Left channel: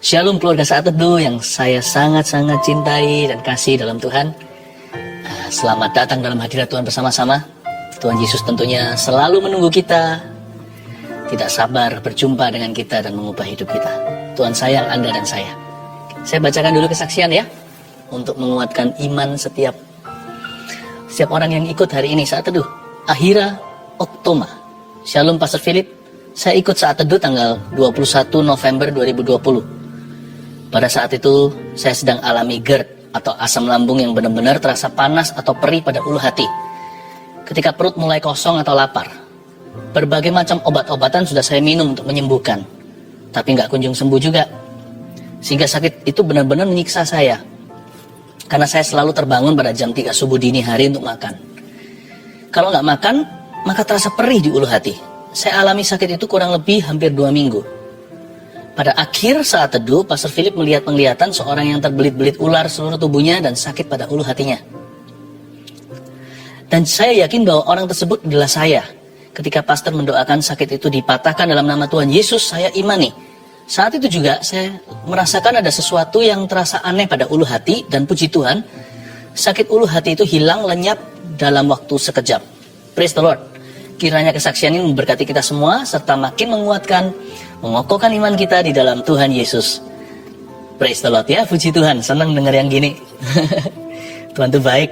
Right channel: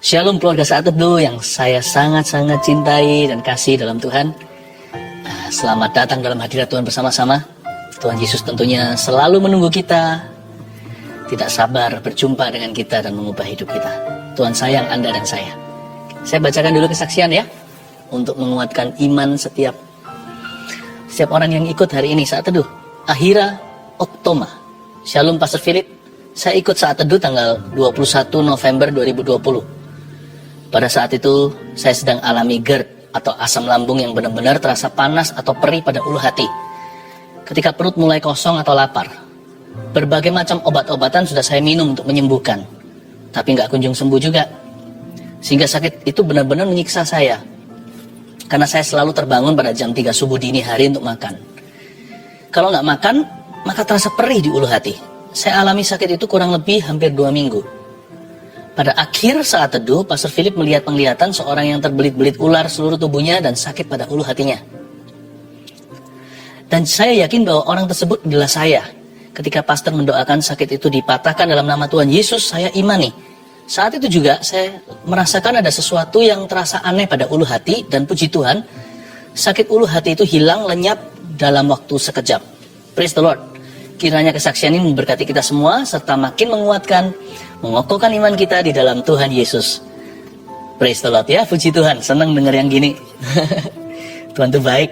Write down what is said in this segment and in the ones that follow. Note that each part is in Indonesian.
Shalom keluarga Saat Teduh yang saya sangat-sangat cintai dan kasih dalam Tuhan. Selamat datang dalam hadirat Tuhan bersama-sama. Tuhan Yesus tentunya selalu menunggu kita, tidak sabar berjumpa dengan kita dan mengubah hidup kita. Tuhan sayang Anda dan saya. Saya bacakan dulu kesaksian ya, untuk menguatkan iman setiap orang yang ikut hari ini Saat Teduh. Ahira Oktoma. Shalom Pastor Philip. Saya ikut Saat Teduh tanggal 21 November 2020. Pada saat itu, saya sedang alami GERD atau asam lambung yang benar-benar terasa panas atau perih pada ulu hati. Ketika perut mulai kosong atau lapar. Berbagai macam obat-obatan sudah saya minum untuk menyembuhkan. Tapi nggak kunjung sembuh juga. Sehingga sakit itu benar-benar menyiksa saya. Karena saya selalu terbangun pada jam 3 subuh dini hari untuk makan. Kalau nggak makan, maka terasa perih di ulu hati. Saya alami sakit itu kurang lebih hampir 2 minggu. Pada akhir Saat Teduh, Pastor Philip melihat penglihatan seorang yang terbelit-belit ular seluruh tubuhnya dan sakit pada ulu hatinya. Dan saya yakin bahwa orang tersebut adalah saya. Ketika pastor mendoakan sakit itu dipatahkan dalam nama Tuhan Yesus, saya imani. Saat itu juga saya merasakan ada sesuatu yang terasa aneh pada ulu hati dan puji Tuhan, sakit ulu hati itu hilang lenyap dalam waktu sekejap. Praise the Lord. Kiranya kesaksian ini memberkati kita semua serta makin menguatkan, mengokohkan iman kita di dalam Tuhan Yesus. Praise the Lord ya, puji Tuhan. Senang dengar yang gini. Tuhan itu baik.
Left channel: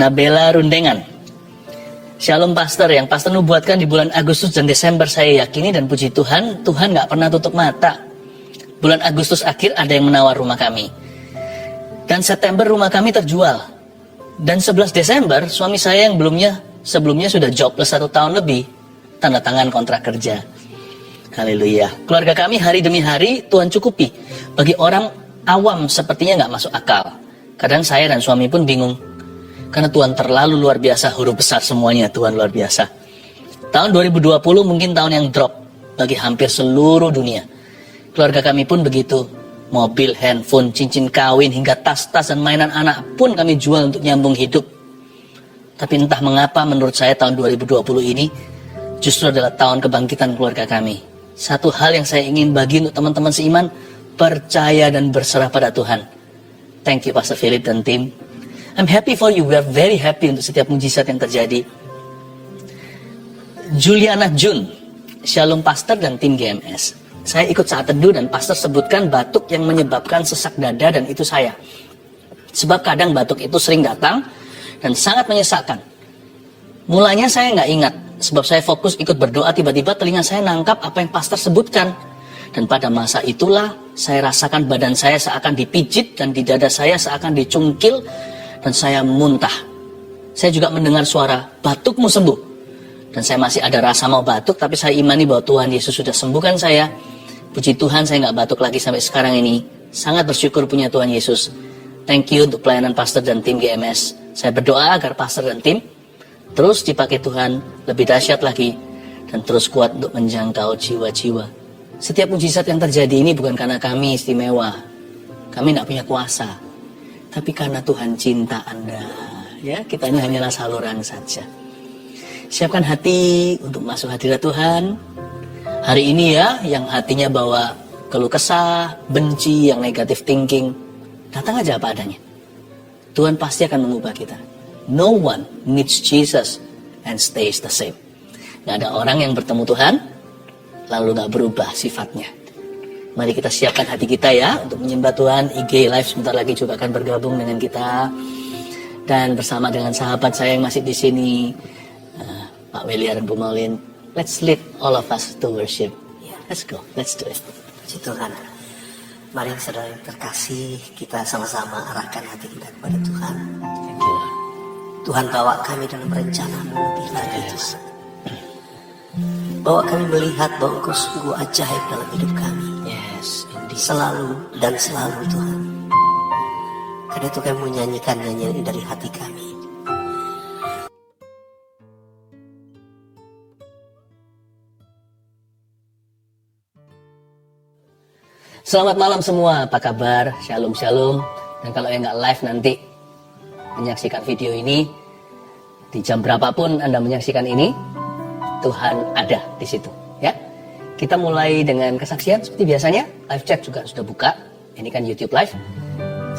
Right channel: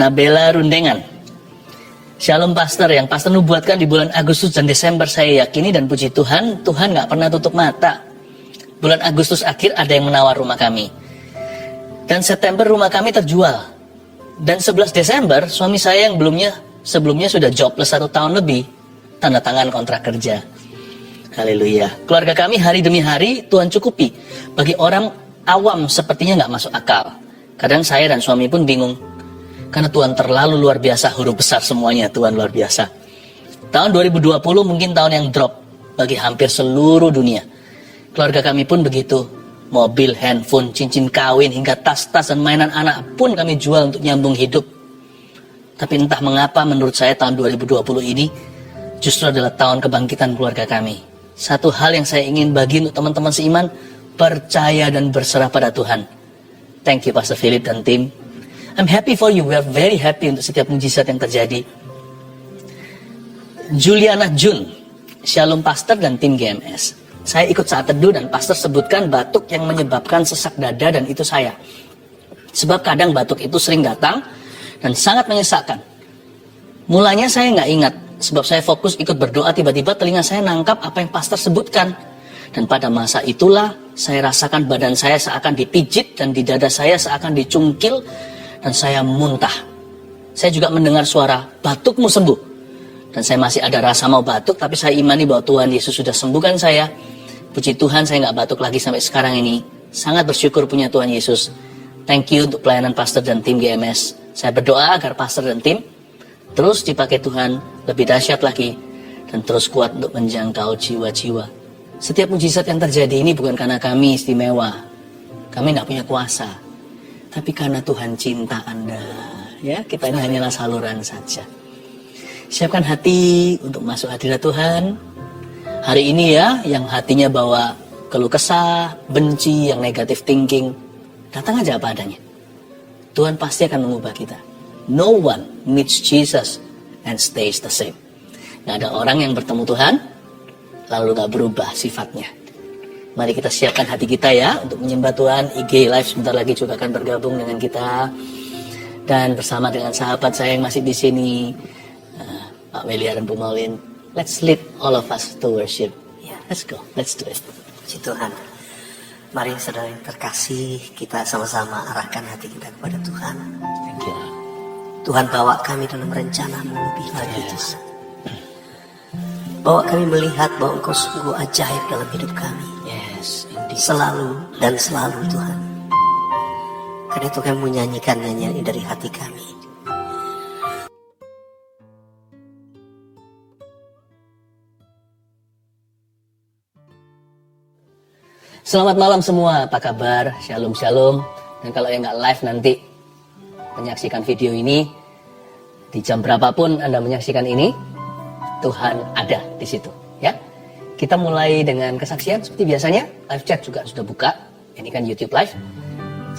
Nabela Rundengan. Shalom Pastor, yang Pastor nubuatkan di bulan Agustus dan Desember saya yakini dan puji Tuhan, Tuhan gak pernah tutup mata. Bulan Agustus akhir ada yang menawar rumah kami. Dan September rumah kami terjual. Dan 11 Desember suami saya yang sebelumnya sudah jobless 1 tahun lebih, tanda tangan kontrak kerja. Haleluya. Keluarga kami hari demi hari Tuhan cukupi. Bagi orang awam sepertinya nggak masuk akal. Kadang saya dan suami pun bingung. Karena Tuhan terlalu luar biasa, huruf besar semuanya, Tuhan luar biasa. Tahun 2020 mungkin tahun yang drop bagi hampir seluruh dunia. Keluarga kami pun begitu. Mobil, handphone, cincin kawin, hingga tas-tas dan mainan anak pun kami jual untuk nyambung hidup. Tapi entah mengapa menurut saya tahun 2020 ini justru adalah tahun kebangkitan keluarga kami. Satu hal yang saya ingin bagi untuk teman-teman seiman, percaya dan berserah pada Tuhan. Thank you Pastor Philip dan tim. I'm happy for you, we are very happy untuk setiap mujizat yang terjadi. Juliana Jun, Shalom Pastor dan tim GMS. Saya ikut Saat Teduh dan Pastor sebutkan batuk yang menyebabkan sesak dada dan itu saya. Sebab kadang batuk itu sering datang dan sangat menyesakkan. Mulanya saya nggak ingat, sebab saya fokus ikut berdoa, tiba-tiba telinga saya nangkap apa yang pastor sebutkan. Dan pada masa itulah saya rasakan badan saya seakan dipijit dan di dada saya seakan dicungkil dan saya muntah. Saya juga mendengar suara, batukmu sembuh. Dan saya masih ada rasa mau batuk, tapi saya imani bahwa Tuhan Yesus sudah sembuhkan saya. Puji Tuhan saya nggak batuk lagi sampai sekarang ini. Sangat bersyukur punya Tuhan Yesus. Thank you untuk pelayanan pastor dan tim GMS. Saya berdoa agar pastor dan tim terus dipakai Tuhan lebih dahsyat lagi dan terus kuat untuk menjangkau jiwa-jiwa. Setiap mujizat yang terjadi ini bukan karena kami istimewa. Kami nggak punya kuasa. Tapi karena Tuhan cinta Anda. Ya, kita ini hanyalah saluran saja. Siapkan hati untuk masuk hadirat Tuhan. Hari ini ya, yang hatinya bawa keluh kesah, benci, yang negative thinking. Datang aja apa adanya. Tuhan pasti akan mengubah kita. No one needs Jesus and stays the same. Gak ada orang yang bertemu Tuhan lalu gak berubah sifatnya. Mari kita siapkan hati kita ya untuk menyembah Tuhan. IG Live sebentar lagi juga akan bergabung dengan kita dan bersama dengan sahabat saya yang masih di sini, Pak Melia dan Bu Maulin. Let's lead all of us to worship. Let's go, let's do it. Puji Tuhan. Mari saudara yang terkasih, kita sama-sama arahkan hati kita kepada Tuhan. Thank you. Tuhan, bawa kami dalam rencana-Mu lebih lagi Tuhan. Bawa kami melihat bahwa Engkau sungguh ajaib dalam hidup kami. Yes, Selalu dan selalu Tuhan. Karena itu kami menyanyikan nyanyian ini dari hati kami. Selamat malam semua, apa kabar? Shalom, shalom. Dan kalau yang nggak live nanti menyaksikan video ini, di jam berapapun Anda menyaksikan ini, Tuhan ada di situ. Ya, Kita mulai dengan kesaksian seperti biasanya. Live chat juga sudah buka. Ini kan YouTube Live.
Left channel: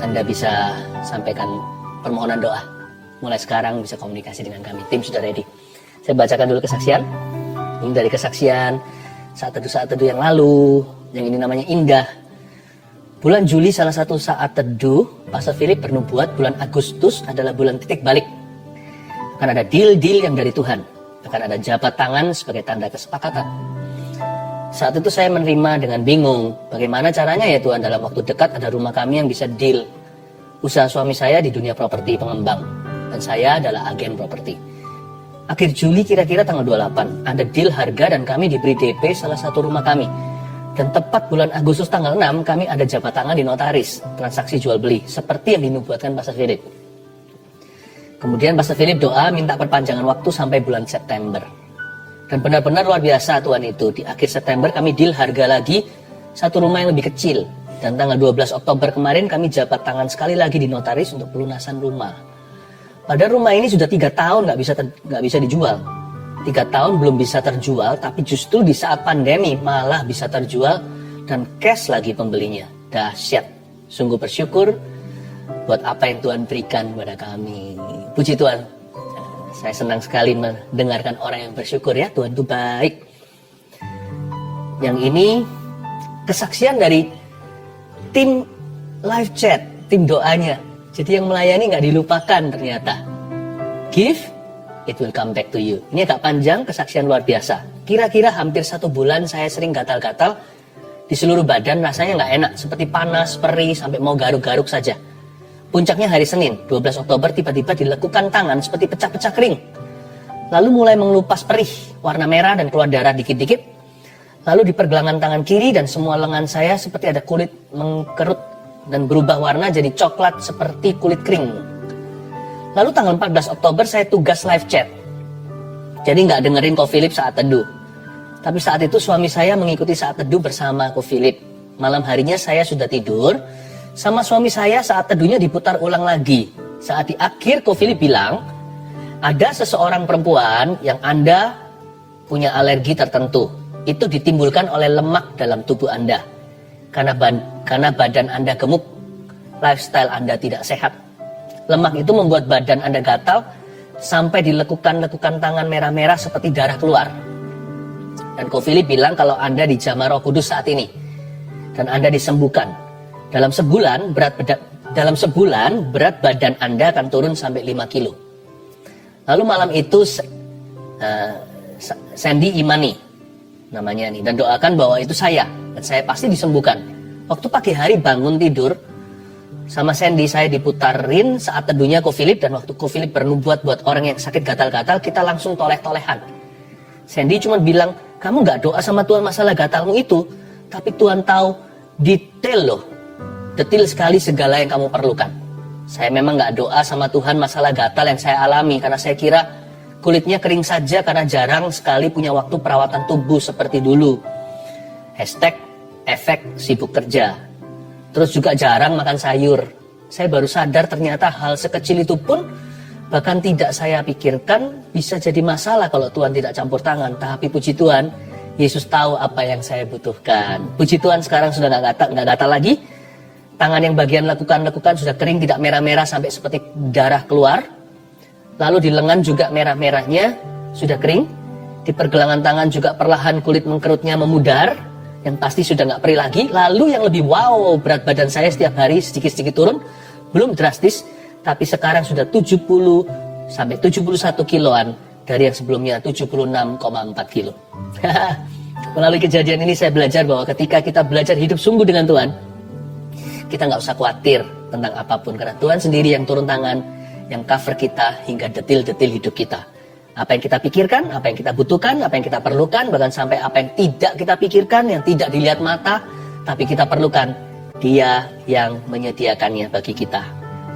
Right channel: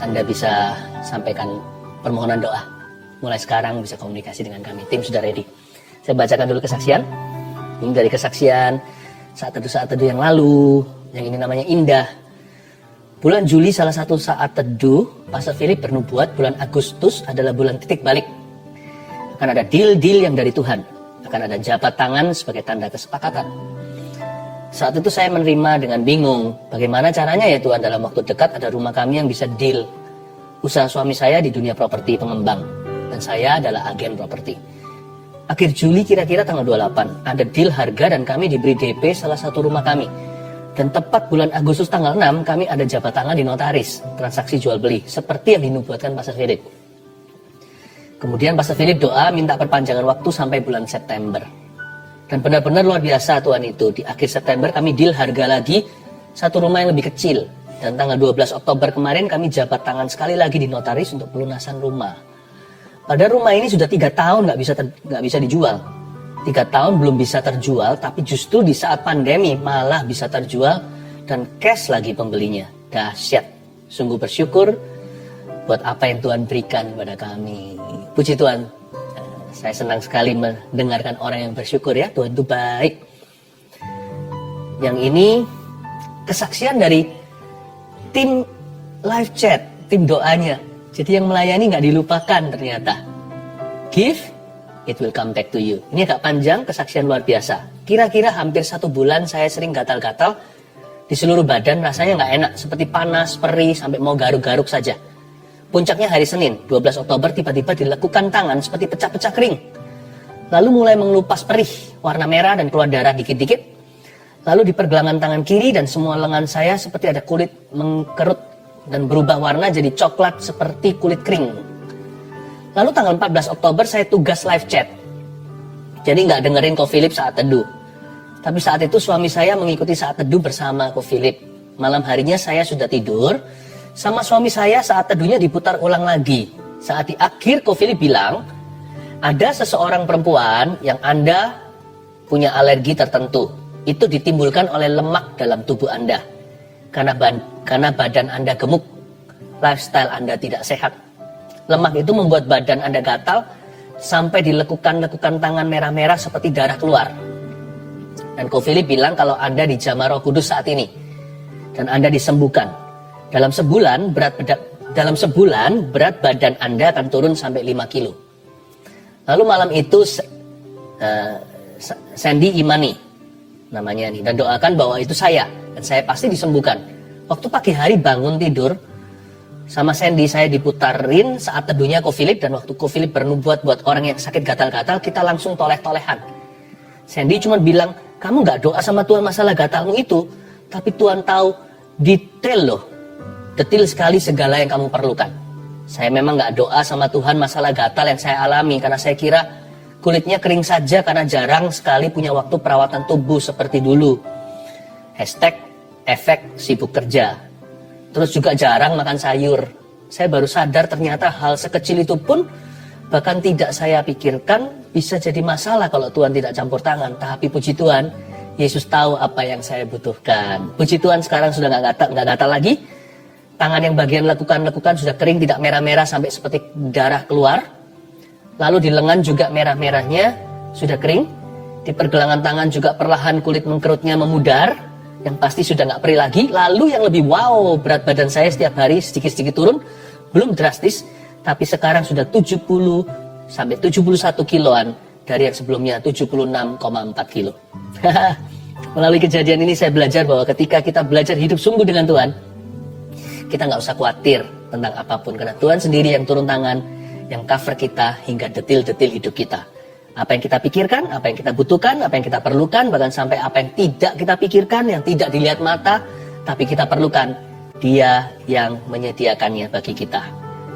Anda bisa sampaikan permohonan doa. Mulai sekarang bisa komunikasi dengan kami. Tim sudah ready. Saya bacakan dulu kesaksian. Ini dari kesaksian saat teduh yang lalu. Yang ini namanya Indah. Bulan Juli salah satu saat teduh, Pastor Philip bernubuat bulan Agustus adalah bulan titik balik. Akan ada deal-deal yang dari Tuhan. Akan ada jabat tangan sebagai tanda kesepakatan. Saat itu saya menerima dengan bingung. Bagaimana caranya ya Tuhan, dalam waktu dekat ada rumah kami yang bisa deal. Usaha suami saya di dunia properti pengembang. Dan saya adalah agen properti. Akhir Juli kira-kira tanggal 28. Ada deal harga dan kami diberi DP salah satu rumah kami. Dan tepat bulan Agustus tanggal 6 kami ada jabat tangan di notaris. Transaksi jual beli. Seperti yang dinubuatkan Pastor Philip. Kemudian Pastor Philip doa minta perpanjangan waktu sampai bulan September. Dan benar-benar luar biasa Tuhan itu. Di akhir September kami deal harga lagi satu rumah yang lebih kecil. Dan tanggal 12 Oktober kemarin kami jabat tangan sekali lagi di notaris untuk pelunasan rumah. Padahal rumah ini sudah 3 tahun nggak bisa dijual. 3 tahun belum bisa terjual, tapi justru di saat pandemi malah bisa terjual dan cash lagi pembelinya. Dahsyat. Sungguh bersyukur buat apa yang Tuhan berikan kepada kami. Puji Tuhan. Saya senang sekali mendengarkan orang yang bersyukur ya. Tuhan itu baik. Yang ini kesaksian dari tim live chat, tim doanya. Jadi yang melayani nggak dilupakan ternyata. Give, it will come back to you. Ini agak panjang, kesaksian luar biasa. Kira-kira hampir 1 bulan saya sering gatal-gatal di seluruh badan, rasanya nggak enak. Seperti panas, perih, sampai mau garuk-garuk saja. Puncaknya hari Senin, 12 Oktober tiba-tiba dilekukan tangan seperti pecah-pecah kering. Lalu mulai mengelupas perih, warna merah dan keluar darah dikit-dikit. Lalu di pergelangan tangan kiri dan semua lengan saya seperti ada kulit mengkerut dan berubah warna jadi coklat seperti kulit kering. Lalu tanggal 14 Oktober saya tugas live chat. Jadi nggak dengerin Ko Philip saat teduh. Tapi saat itu suami saya mengikuti saat teduh bersama Ko Philip. Malam harinya saya sudah tidur. Sama suami saya saat teduhnya diputar ulang lagi. Saat di akhir Ko Philip bilang, ada seseorang perempuan yang Anda punya alergi tertentu. Itu ditimbulkan oleh lemak dalam tubuh Anda. Karena badan Anda gemuk, lifestyle Anda tidak sehat. Lemak itu membuat badan Anda gatal sampai dilekukan-lekukan tangan merah-merah seperti darah keluar. Dan Ko Philip bilang kalau Anda dijamah Roh Kudus saat ini dan Anda disembuhkan. Dalam sebulan berat badan Anda akan turun sampai 5 kilo. Lalu malam itu Sandy Imani namanya nih, dan doakan bahwa itu saya dan saya pasti disembuhkan. Waktu pagi hari bangun tidur sama Sandy, saya diputarin saat teduhnya Ko Philip, dan waktu Ko Philip bernubuat buat orang yang sakit gatal-gatal, kita langsung toleh-tolehan. Sandy cuma bilang, kamu gak doa sama Tuhan masalah gatalmu itu, tapi Tuhan tahu detail loh. Detil sekali segala yang kamu perlukan. Saya memang gak doa sama Tuhan masalah gatal yang saya alami, karena saya kira kulitnya kering saja karena jarang sekali punya waktu perawatan tubuh seperti dulu. #efek sibuk kerja. Terus juga jarang makan sayur. Saya baru sadar ternyata hal sekecil itu pun bahkan tidak saya pikirkan bisa jadi masalah kalau Tuhan tidak campur tangan. Tapi puji Tuhan, Yesus tahu apa yang saya butuhkan. Puji Tuhan sekarang sudah gak gatal lagi. Tangan yang bagian lekukan sudah kering, tidak merah-merah sampai seperti darah keluar. Lalu di lengan juga merah-merahnya sudah kering. Di pergelangan tangan juga perlahan kulit mengkerutnya memudar. Yang pasti sudah nggak perih lagi. Lalu yang lebih wow, berat badan saya setiap hari sedikit-sedikit turun. Belum drastis, tapi sekarang sudah 70 sampai 71 kiloan dari yang sebelumnya 76,4 kilo. Melalui kejadian ini saya belajar bahwa ketika kita belajar hidup sungguh dengan Tuhan, kita nggak usah khawatir tentang apapun, karena Tuhan sendiri yang turun tangan, yang cover kita hingga detil-detil hidup kita. Apa yang kita pikirkan, apa yang kita butuhkan, apa yang kita perlukan, bahkan sampai apa yang tidak kita pikirkan, yang tidak dilihat mata, tapi kita perlukan, Dia yang menyediakannya bagi kita.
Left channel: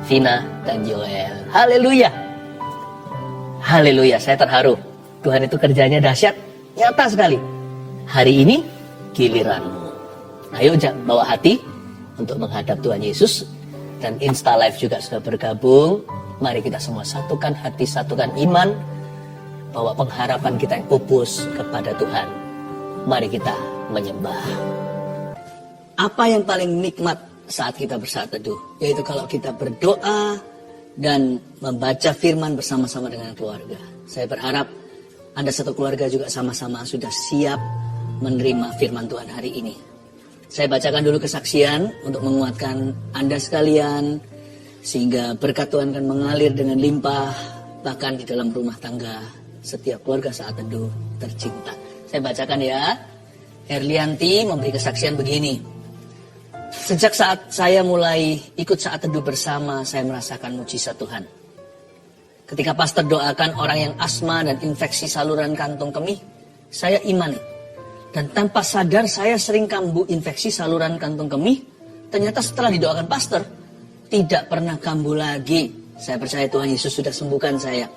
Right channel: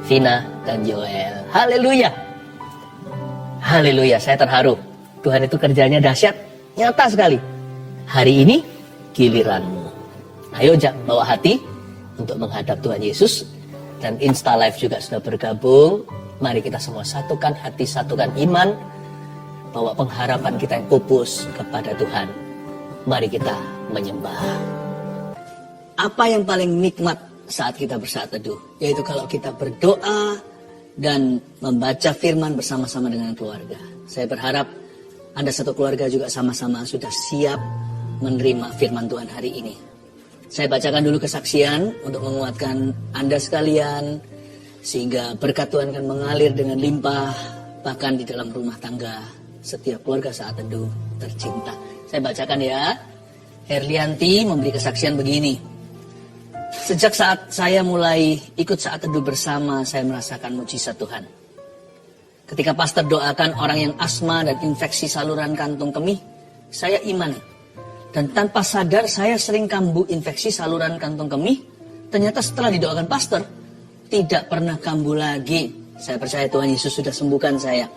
Vina dan Joel. Haleluya. Haleluya, saya terharu. Tuhan itu kerjanya dahsyat, nyata sekali. Hari ini giliranmu. Ayo bawa hati untuk menghadap Tuhan Yesus. Dan Insta Live juga sudah bergabung. Mari kita semua satukan hati, satukan iman, bahwa pengharapan kita yang pupus kepada Tuhan. Mari kita menyembah. Apa yang paling nikmat saat kita bersaat teduh? Yaitu kalau kita berdoa dan membaca firman bersama-sama dengan keluarga. Saya berharap Anda satu keluarga juga sama-sama sudah siap menerima firman Tuhan hari ini. Saya bacakan dulu kesaksian untuk menguatkan Anda sekalian, sehingga berkat Tuhan akan mengalir dengan limpah, bahkan di dalam rumah tangga setiap keluarga saat teduh tercinta. Saya bacakan ya. Herlianti memberi kesaksian begini. Sejak saat saya mulai ikut saat teduh bersama, saya merasakan mujizat Tuhan. Ketika pastor doakan orang yang asma dan infeksi saluran kantung kemih, saya imani. Dan tanpa sadar saya sering kambuh infeksi saluran kantung kemih. Ternyata setelah didoakan pastor, tidak pernah kambuh lagi. Saya percaya Tuhan Yesus sudah sembuhkan saya.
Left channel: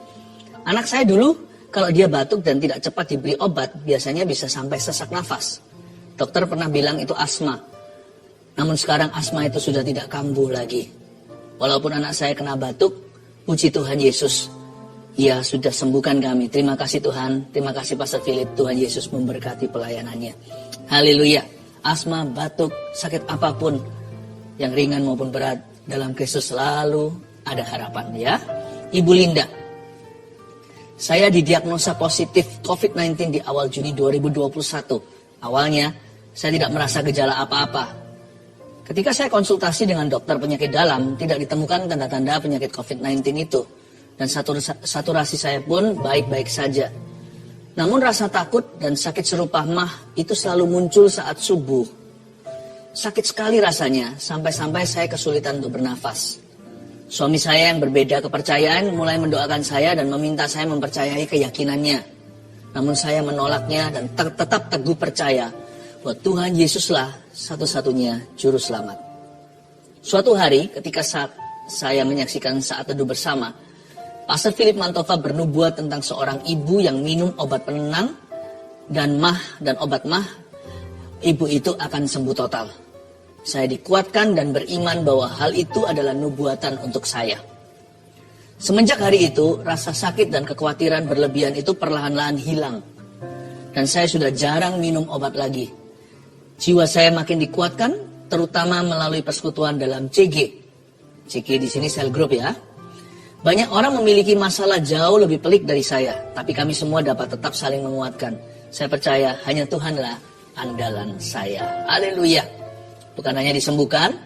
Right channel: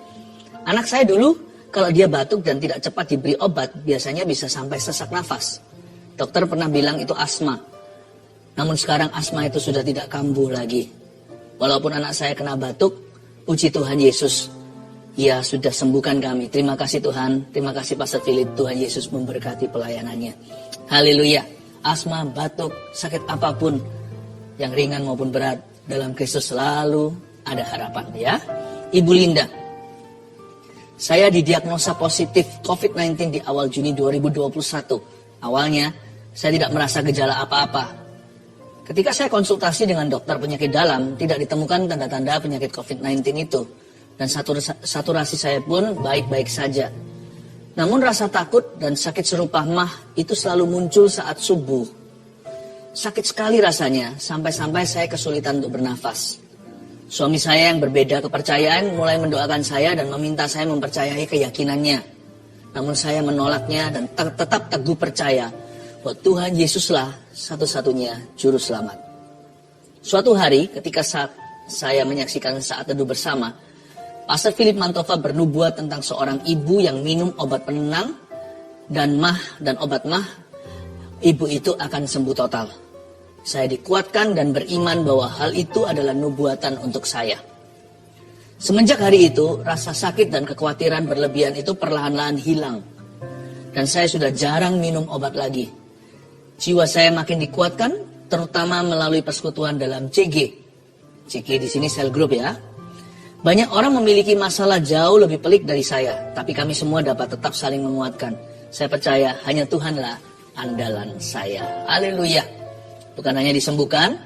Anak saya dulu, kalau dia batuk dan tidak cepat diberi obat, biasanya bisa sampai sesak nafas. Dokter pernah bilang itu asma. Namun sekarang asma itu sudah tidak kambuh lagi. Walaupun anak saya kena batuk, puji Tuhan Yesus, Ia sudah sembuhkan kami. Terima kasih Tuhan, terima kasih Pastor Philip. Tuhan Yesus memberkati pelayanannya. Haleluya. Asma, batuk, sakit apapun, yang ringan maupun berat, dalam Kristus selalu ada harapan ya. Ibu Linda, saya didiagnosa positif COVID-19 di awal Juni 2021. Awalnya, saya tidak merasa gejala apa-apa. Ketika saya konsultasi dengan dokter penyakit dalam, tidak ditemukan tanda-tanda penyakit COVID-19 itu. Dan saturasi saya pun baik-baik saja. Namun rasa takut dan sakit serupa mah itu selalu muncul saat subuh. Sakit sekali rasanya, sampai-sampai saya kesulitan untuk bernafas. Suami saya yang berbeda kepercayaan mulai mendoakan saya dan meminta saya mempercayai keyakinannya. Namun saya menolaknya dan tetap teguh percaya bahwa Tuhan Yesuslah satu-satunya juru selamat. Suatu hari ketika saat saya menyaksikan saat teduh bersama, Pastor Philip Mantova bernubuat tentang seorang ibu yang minum obat penenang dan obat mah, ibu itu akan sembuh total. Saya dikuatkan dan beriman bahwa hal itu adalah nubuatan untuk saya. Semenjak hari itu, rasa sakit dan kekhawatiran berlebihan itu perlahan-lahan hilang. Dan saya sudah jarang minum obat lagi. Jiwa saya makin dikuatkan, terutama melalui persekutuan dalam CG. CG di sini sel group ya. Banyak orang memiliki masalah jauh lebih pelik dari saya, tapi kami semua dapat tetap saling menguatkan. Saya percaya hanya Tuhanlah andalan saya. Haleluya. Bukan hanya disembuhkan,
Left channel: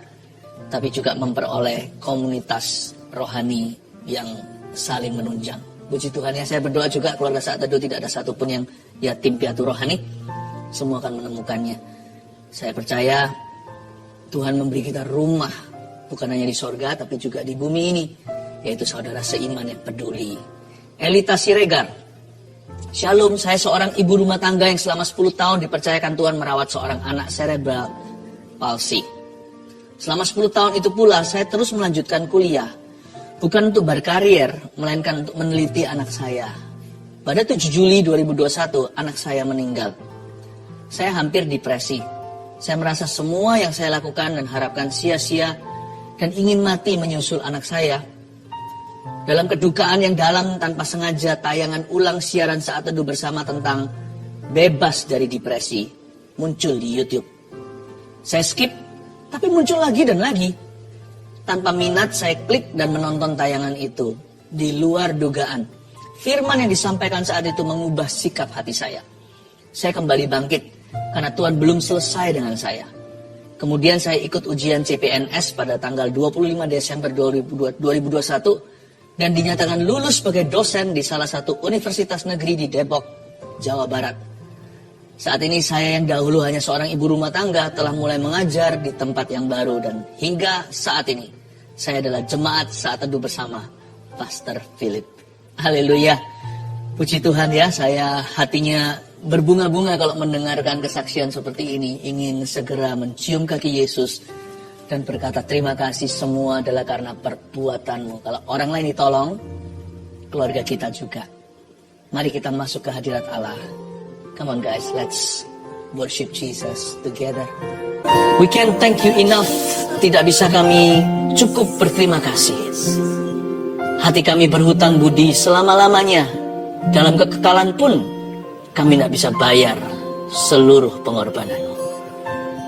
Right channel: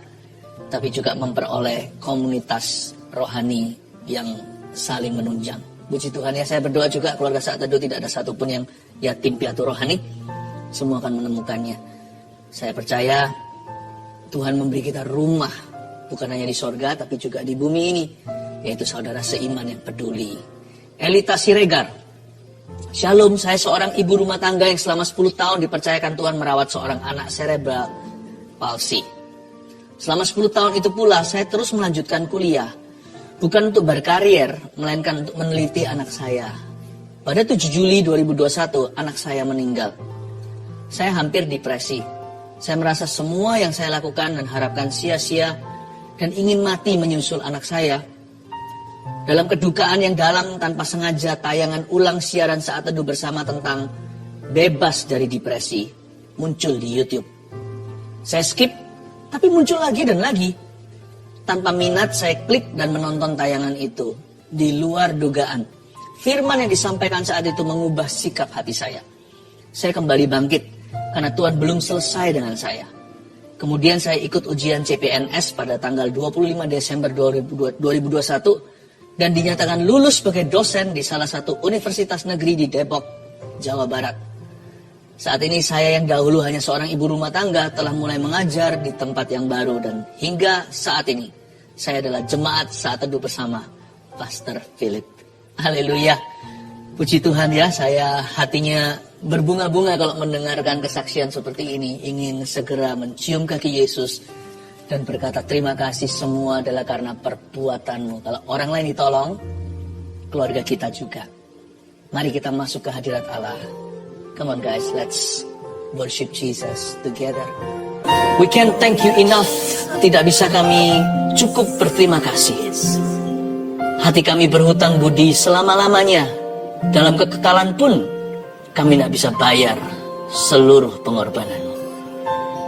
tapi juga memperoleh komunitas rohani yang saling menunjang. Puji Tuhan ya, saya berdoa juga keluarga saat teduh tidak ada satupun yang yatim piatu rohani. Semua akan menemukannya. Saya percaya Tuhan memberi kita rumah, bukan hanya di sorga, tapi juga di bumi ini. Yaitu saudara seiman yang peduli. Elita Siregar. Shalom, saya seorang ibu rumah tangga yang selama 10 tahun dipercayakan Tuhan merawat seorang anak cerebral palsy. Selama 10 tahun itu pula saya terus melanjutkan kuliah. Bukan untuk berkarier, melainkan untuk meneliti anak saya. Pada 7 Juli 2021, anak saya meninggal. Saya hampir depresi. Saya merasa semua yang saya lakukan dan harapkan sia-sia dan ingin mati menyusul anak saya. Dalam kedukaan yang dalam tanpa sengaja tayangan ulang siaran saat teduh bersama tentang bebas dari depresi muncul di YouTube. Saya skip, tapi muncul lagi dan lagi. Tanpa minat saya klik dan menonton tayangan itu. Di luar dugaan, firman yang disampaikan saat itu mengubah sikap hati saya. Saya kembali bangkit karena Tuhan belum selesai dengan saya. Kemudian saya ikut ujian CPNS pada tanggal 25 Desember 2021 dan dinyatakan lulus sebagai dosen di salah satu universitas negeri di Depok, Jawa Barat. Saat ini saya yang dahulu hanya seorang ibu rumah tangga telah mulai mengajar di tempat yang baru dan hingga saat ini saya adalah jemaat saat teduh bersama Pastor Philip. Haleluya. Puji Tuhan ya, saya hatinya berbunga-bunga kalau mendengarkan kesaksian seperti ini. Ingin segera mencium kaki Yesus dan berkata terima kasih, semua adalah karena perbuatanmu. Kalau orang lain ditolong, keluarga kita juga. Mari kita masuk ke hadirat Allah. Come on guys, let's worship Jesus together. We can't thank you enough. Tidak bisa kami cukup berterima kasih. Hati kami berhutang budi selama-lamanya. Dalam kekekalan pun kami tidak bisa bayar seluruh pengorbananmu.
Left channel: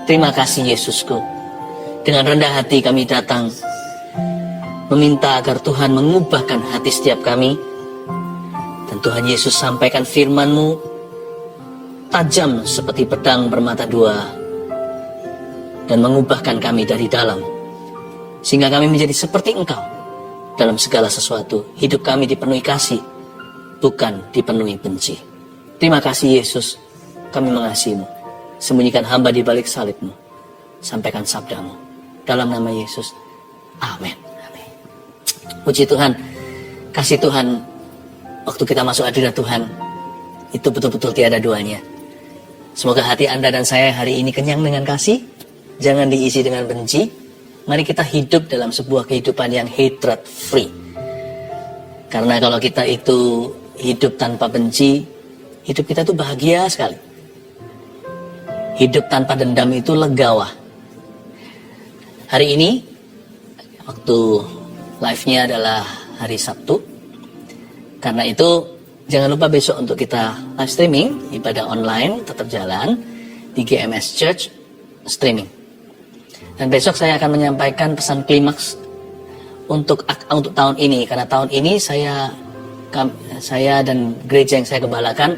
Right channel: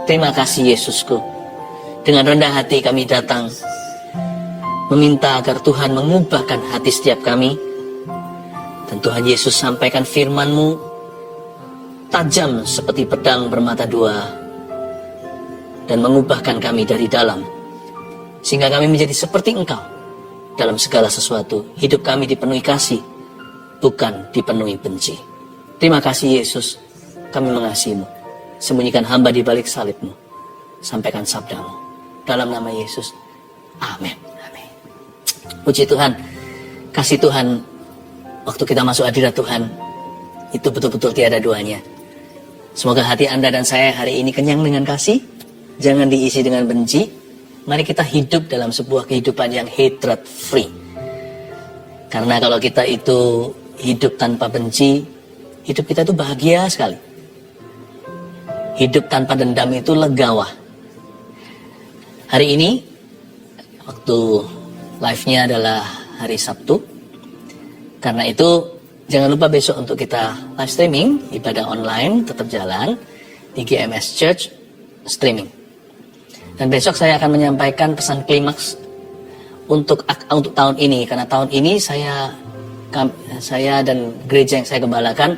Terima kasih Yesusku. Dengan rendah hati kami datang meminta agar Tuhan mengubahkan hati setiap kami. Dan Tuhan Yesus sampaikan firman-Mu tajam seperti pedang bermata dua dan mengubahkan kami dari dalam. Sehingga kami menjadi seperti Engkau dalam segala sesuatu. Hidup kami dipenuhi kasih, bukan dipenuhi benci. Terima kasih Yesus, kami mengasihi-Mu. Sembunyikan hamba di balik salib-Mu. Sampaikan sabda-Mu. Dalam nama Yesus. Amin. Amin. Puji Tuhan. Kasih Tuhan. Waktu kita masuk hadirat Tuhan. Itu betul-betul tiada duanya. Semoga hati Anda dan saya hari ini kenyang dengan kasih. Jangan diisi dengan benci. Mari kita hidup dalam sebuah kehidupan yang hatred free. Karena kalau kita itu hidup tanpa benci, hidup kita itu bahagia sekali. Hidup tanpa dendam itu legawa. Hari ini, waktu live-nya adalah hari Sabtu. Karena itu, jangan lupa besok untuk kita live streaming, ibadah online tetap jalan di GMS Church streaming. Dan besok saya akan menyampaikan pesan klimaks untuk tahun ini. Karena tahun ini saya dan gereja yang saya gembalakan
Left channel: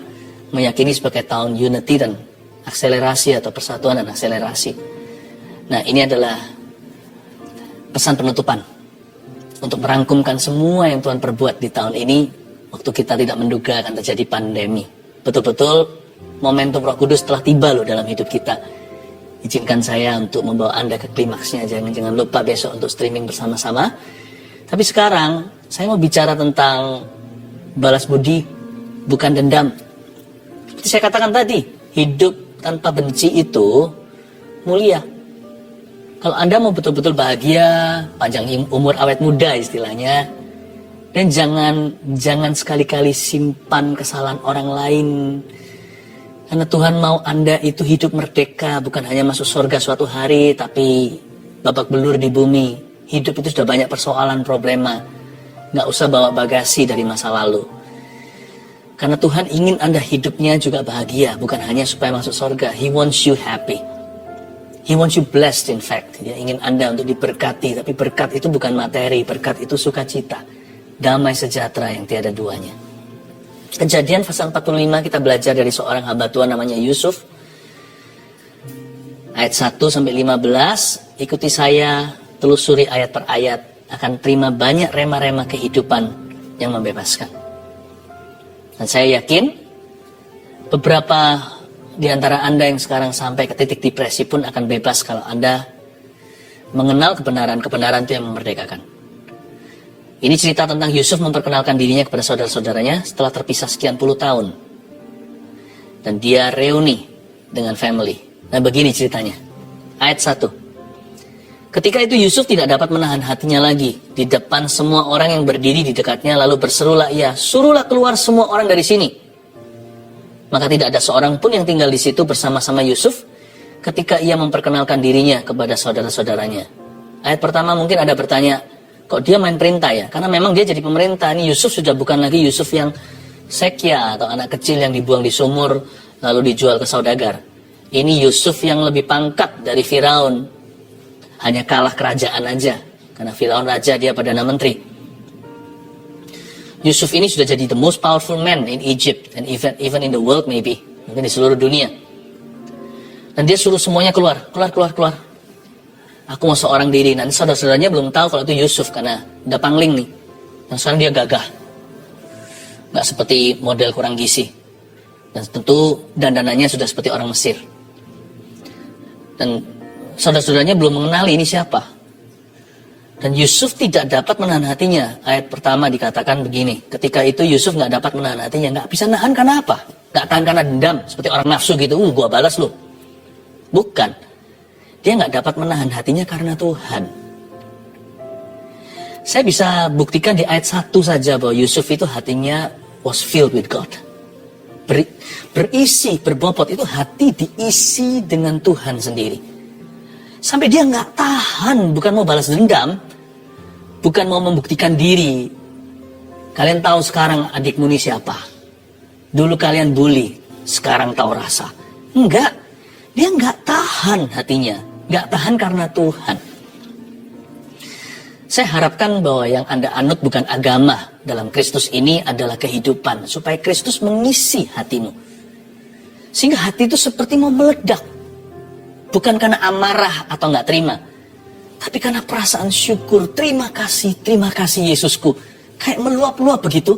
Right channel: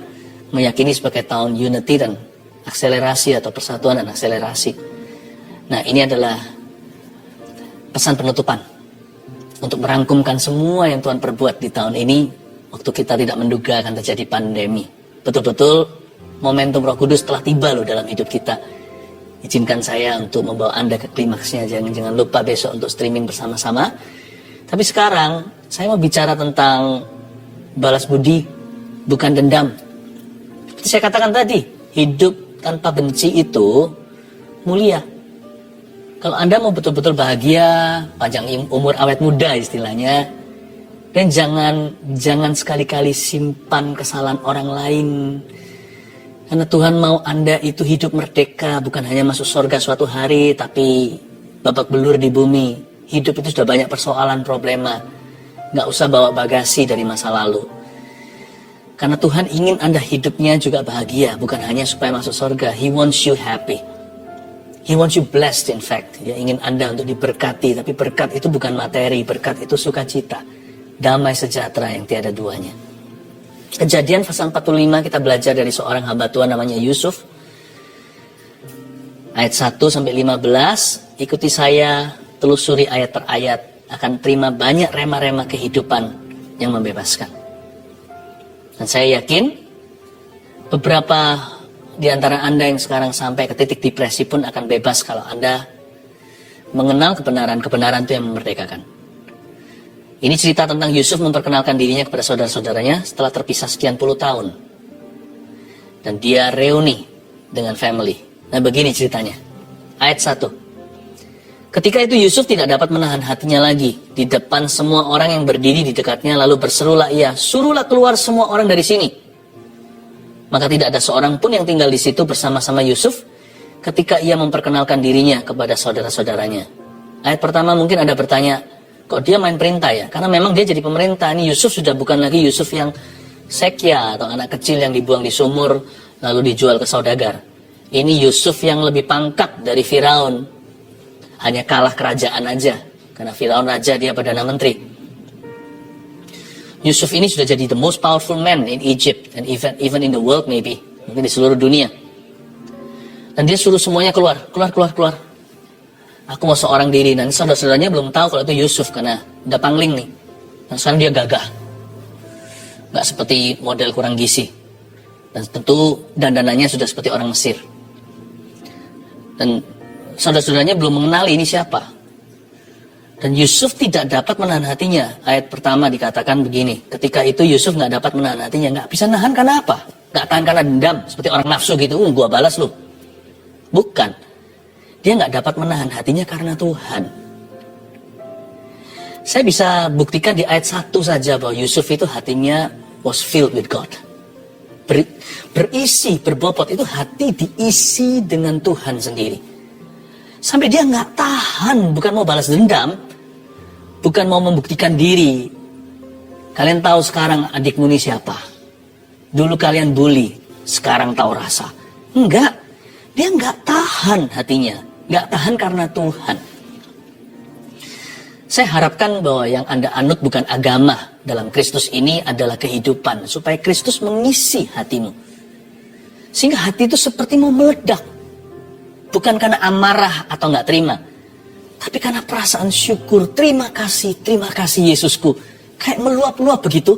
meyakini sebagai tahun unity dan akselerasi atau persatuan dan akselerasi. Nah, ini adalah pesan penutupan untuk merangkumkan semua yang Tuhan perbuat di tahun ini waktu kita tidak menduga akan terjadi pandemi. Betul-betul momentum Roh Kudus telah tiba loh dalam hidup kita. Izinkan saya untuk membawa Anda ke klimaksnya. Jangan lupa besok untuk streaming bersama-sama. Tapi sekarang saya mau bicara tentang balas budi, bukan dendam. Seperti saya katakan tadi, hidup tanpa benci itu mulia. Kalau Anda mau betul-betul bahagia, panjang umur awet muda istilahnya, dan jangan sekali-kali simpan kesalahan orang lain. Karena Tuhan mau Anda itu hidup merdeka, bukan hanya masuk surga suatu hari, tapi babak belur di bumi. Hidup itu sudah banyak persoalan, problema. Nggak usah bawa bagasi dari masa lalu. Karena Tuhan ingin Anda hidupnya juga bahagia, bukan hanya supaya masuk surga. He wants you happy. He wants you blessed in fact. Dia ingin Anda untuk diberkati. Tapi berkat itu bukan materi. Berkat itu sukacita. Damai sejahtera yang tiada duanya. Kejadian pasal 45 kita belajar dari seorang hamba Tuhan namanya Yusuf. Ayat 1-15. Ikuti saya. Telusuri ayat per ayat. Akan terima banyak rema-rema kehidupan yang membebaskan. Dan saya yakin beberapa di antara Anda yang sekarang sampai ke titik depresi pun akan bebas kalau Anda mengenal kebenaran-kebenaran itu yang memerdekakan. Ini cerita tentang Yusuf memperkenalkan dirinya kepada saudara-saudaranya setelah terpisah sekian puluh tahun. Dan dia reuni dengan family. Nah, begini ceritanya. Ayat 1. Ketika itu Yusuf tidak dapat menahan hatinya lagi di depan semua orang yang berdiri di dekatnya, lalu berserulah ia, "Suruhlah keluar semua orang dari sini." Maka tidak ada seorang pun yang tinggal di situ bersama-sama Yusuf ketika ia memperkenalkan dirinya kepada saudara-saudaranya. Ayat pertama mungkin Anda bertanya, kok dia main perintah ya? Karena memang dia jadi pemerintah. Ini Yusuf sudah bukan lagi Yusuf yang sekya atau anak kecil yang dibuang di sumur lalu dijual ke saudagar. Ini Yusuf yang lebih pangkat dari Firaun. Hanya kalah kerajaan aja. Karena Firaun raja, dia Perdana Menteri. Yusuf ini sudah jadi the most powerful man in Egypt and even in the world maybe, mungkin di seluruh dunia. Dan dia suruh semuanya keluar. Aku mau seorang diri. Dan saudara-saudaranya belum tahu kalau itu Yusuf karena udah pangling nih. Dan sekarang dia gagah, nggak seperti model kurang gizi. Dan tentu dandanannya sudah seperti orang Mesir. Dan saudara-saudaranya belum mengenali ini siapa. Dan Yusuf tidak dapat menahan hatinya. Ayat pertama dikatakan begini. Ketika itu Yusuf nggak dapat menahan hatinya. Nggak bisa nahan karena apa? Nggak tahan karena dendam. Seperti orang nafsu gitu. Gua balas lu. Bukan. Dia nggak dapat menahan hatinya karena Tuhan. Saya bisa buktikan di ayat 1 saja bahwa Yusuf itu hatinya was filled with God. Berisi, berbobot. Itu hati diisi dengan Tuhan sendiri. Sampai dia nggak tahan. Bukan mau balas dendam. Bukan mau membuktikan diri. Kalian tahu sekarang adikmu ini siapa? Dulu kalian bully, sekarang tahu rasa. Enggak. Dia enggak tahan hatinya. Enggak tahan karena Tuhan. Saya harapkan bahwa yang Anda anut bukan agama. Dalam Kristus ini adalah kehidupan. Supaya Kristus mengisi hatimu. Sehingga hati itu seperti mau meledak. Bukan karena amarah atau enggak terima. Tapi karena perasaan syukur. Terima kasih Yesusku. Kayak meluap-luap begitu.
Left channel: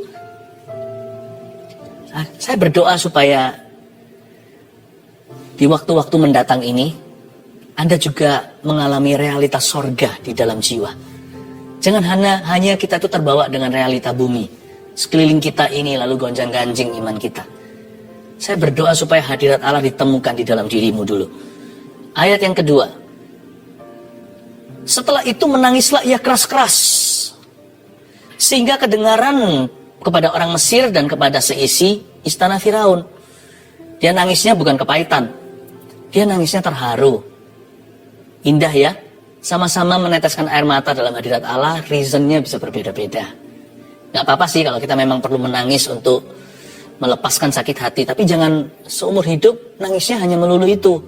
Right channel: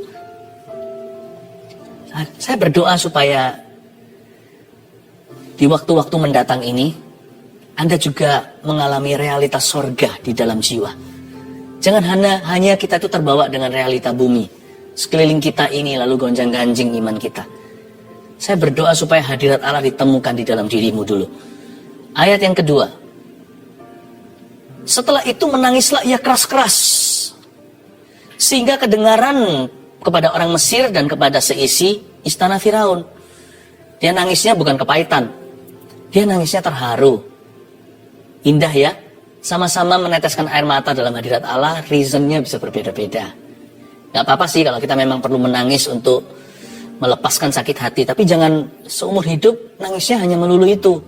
Saya berdoa supaya di waktu-waktu mendatang ini, Anda juga mengalami realitas sorga di dalam jiwa. Jangan hanya kita itu terbawa dengan realita bumi. Sekeliling kita ini lalu gonjang-ganjing iman kita. Saya berdoa supaya hadirat Allah ditemukan di dalam dirimu dulu. Ayat yang kedua. Setelah itu menangislah ia keras-keras. Sehingga kedengaran kepada orang Mesir dan kepada seisi istana Firaun. Dia nangisnya bukan kepahitan. Dia nangisnya terharu. Indah ya. Sama-sama meneteskan air mata dalam hadirat Allah. Reasonnya bisa berbeda-beda. Gak apa-apa sih kalau kita memang perlu menangis untuk melepaskan sakit hati. Tapi jangan seumur hidup nangisnya hanya melulu itu.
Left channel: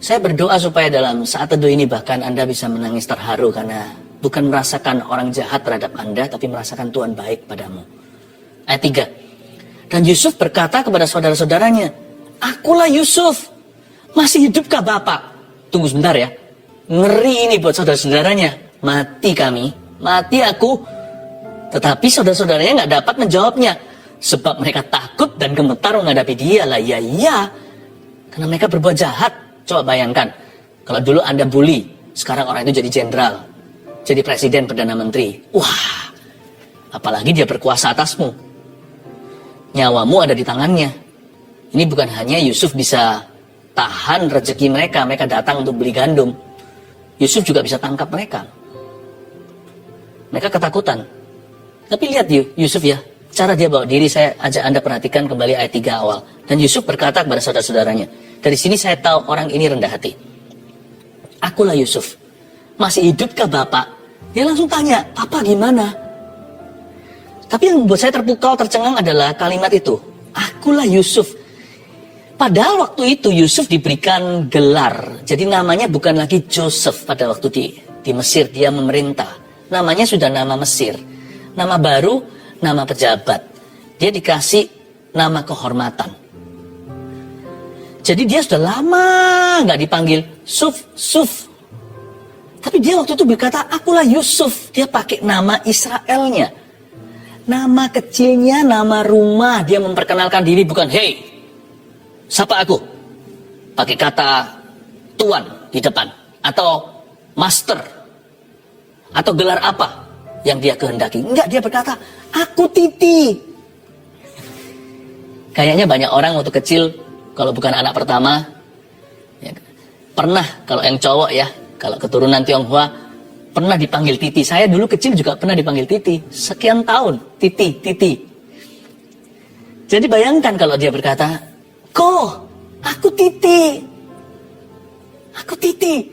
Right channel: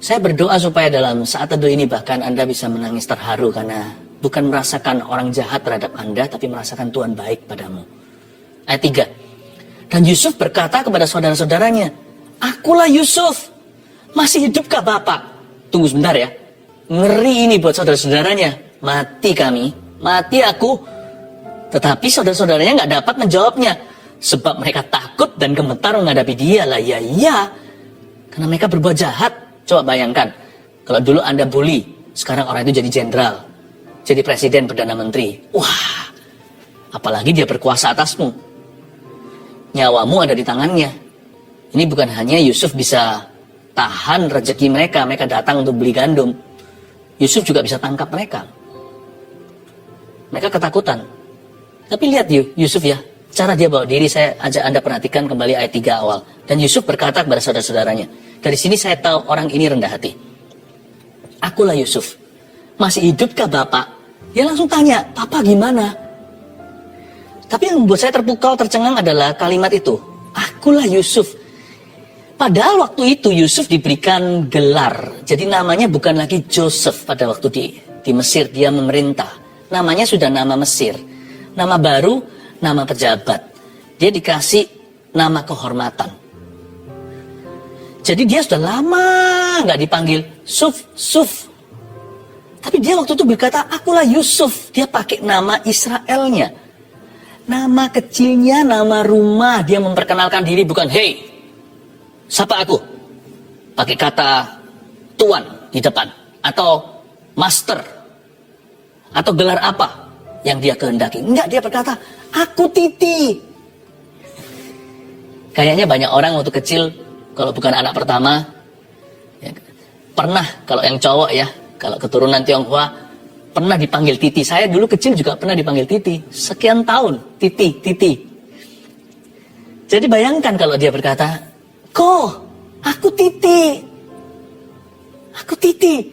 Saya berdoa supaya dalam saat teduh ini bahkan Anda bisa menangis terharu. Karena bukan merasakan orang jahat terhadap Anda, tapi merasakan Tuhan baik padamu. Ayat 3. Dan Yusuf berkata kepada saudara-saudaranya, akulah Yusuf, masih hidupkah Bapak? Tunggu sebentar ya. Ngeri ini buat saudara-saudaranya. Mati kami, mati aku. Tetapi saudara-saudaranya nggak dapat menjawabnya. Sebab mereka takut dan gemetar menghadapi dia. Lah iya. Karena mereka berbuat jahat. Coba bayangkan. Kalau dulu Anda bully, sekarang orang itu jadi jenderal. Jadi presiden, perdana menteri. Wah, apalagi dia berkuasa atasmu. Nyawamu ada di tangannya. Ini bukan hanya Yusuf bisa tahan rezeki mereka. Mereka datang untuk beli gandum. Yusuf juga bisa tangkap mereka. Mereka ketakutan. Tapi lihat Yusuf ya. Cara dia bawa diri, saya ajak Anda perhatikan kembali ayat 3 awal. Dan Yusuf berkata kepada saudara-saudaranya. Dari sini saya tahu orang ini rendah hati. Akulah Yusuf. Masih hidupkah Bapak? Dia langsung tanya, Papa gimana? Tapi yang membuat saya terpukau, tercengang adalah kalimat itu. Akulah Yusuf. Padahal waktu itu Yusuf diberikan gelar. Jadi namanya bukan lagi Joseph pada waktu di Mesir. Dia memerintah. Namanya sudah nama Mesir. Nama baru, nama pejabat. Dia dikasih nama kehormatan. Jadi dia sudah lama nggak dipanggil Suf. Tapi dia waktu itu berkata, akulah Yusuf. Dia pakai nama Israelnya. Nama kecilnya, nama rumah. Dia memperkenalkan diri bukan, hey, siapa aku? Pakai kata tuan di depan. Atau master. Atau gelar apa yang dia kehendaki. Enggak, dia berkata, aku Titi. Kayaknya banyak orang waktu kecil, kalau bukan anak pertama, ya, pernah, kalau yang cowok ya, kalau keturunan Tionghoa, pernah dipanggil Titi. Saya dulu kecil juga pernah dipanggil Titi. Sekian tahun, Titi. Jadi bayangkan kalau dia berkata, aku Titi. Aku Titi.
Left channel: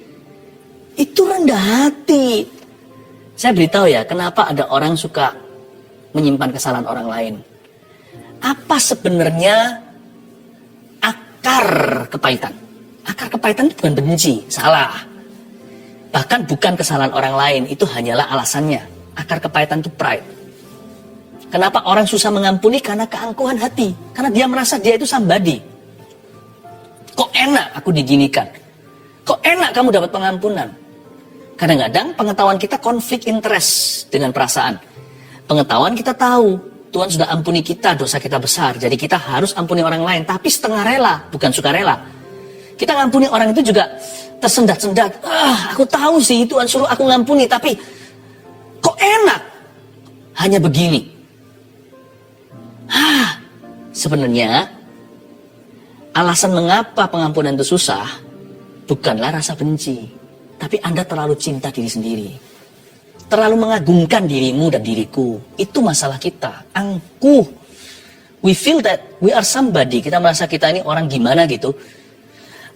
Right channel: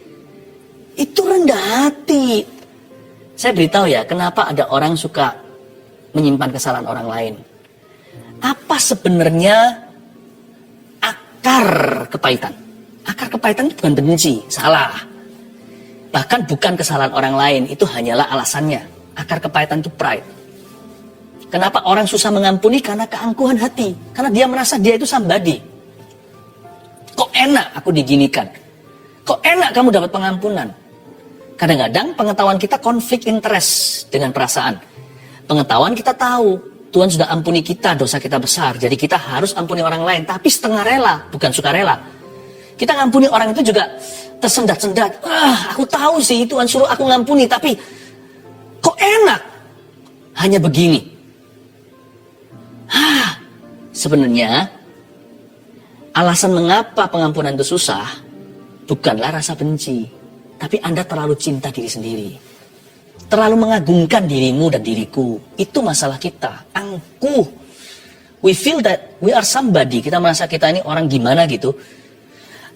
Itu rendah hati. Saya beritahu ya, kenapa ada orang suka menyimpan kesalahan orang lain. Apa sebenarnya akar kepahitan? Akar kepahitan itu bukan benci, salah. Bahkan bukan kesalahan orang lain, itu hanyalah alasannya. Akar kepahitan itu pride. Kenapa orang susah mengampuni? Karena keangkuhan hati. Karena dia merasa dia itu somebody. Kok enak aku diginikan? Kok enak kamu dapat pengampunan? Kadang-kadang pengetahuan kita konflik interest dengan perasaan. Pengetahuan kita tahu, Tuhan sudah ampuni kita, dosa kita besar. Jadi kita harus ampuni orang lain, tapi setengah rela, bukan suka rela. Kita ngampuni orang itu juga tersendat-sendat. Aku tahu sih Tuhan suruh aku ngampuni, tapi kok enak? Hanya begini. Sebenarnya alasan mengapa pengampunan itu susah bukanlah rasa benci, tapi Anda terlalu cinta diri sendiri. Terlalu mengagungkan dirimu dan diriku. Itu masalah kita. Angkuh. We feel that we are somebody. Kita merasa kita ini orang gimana gitu.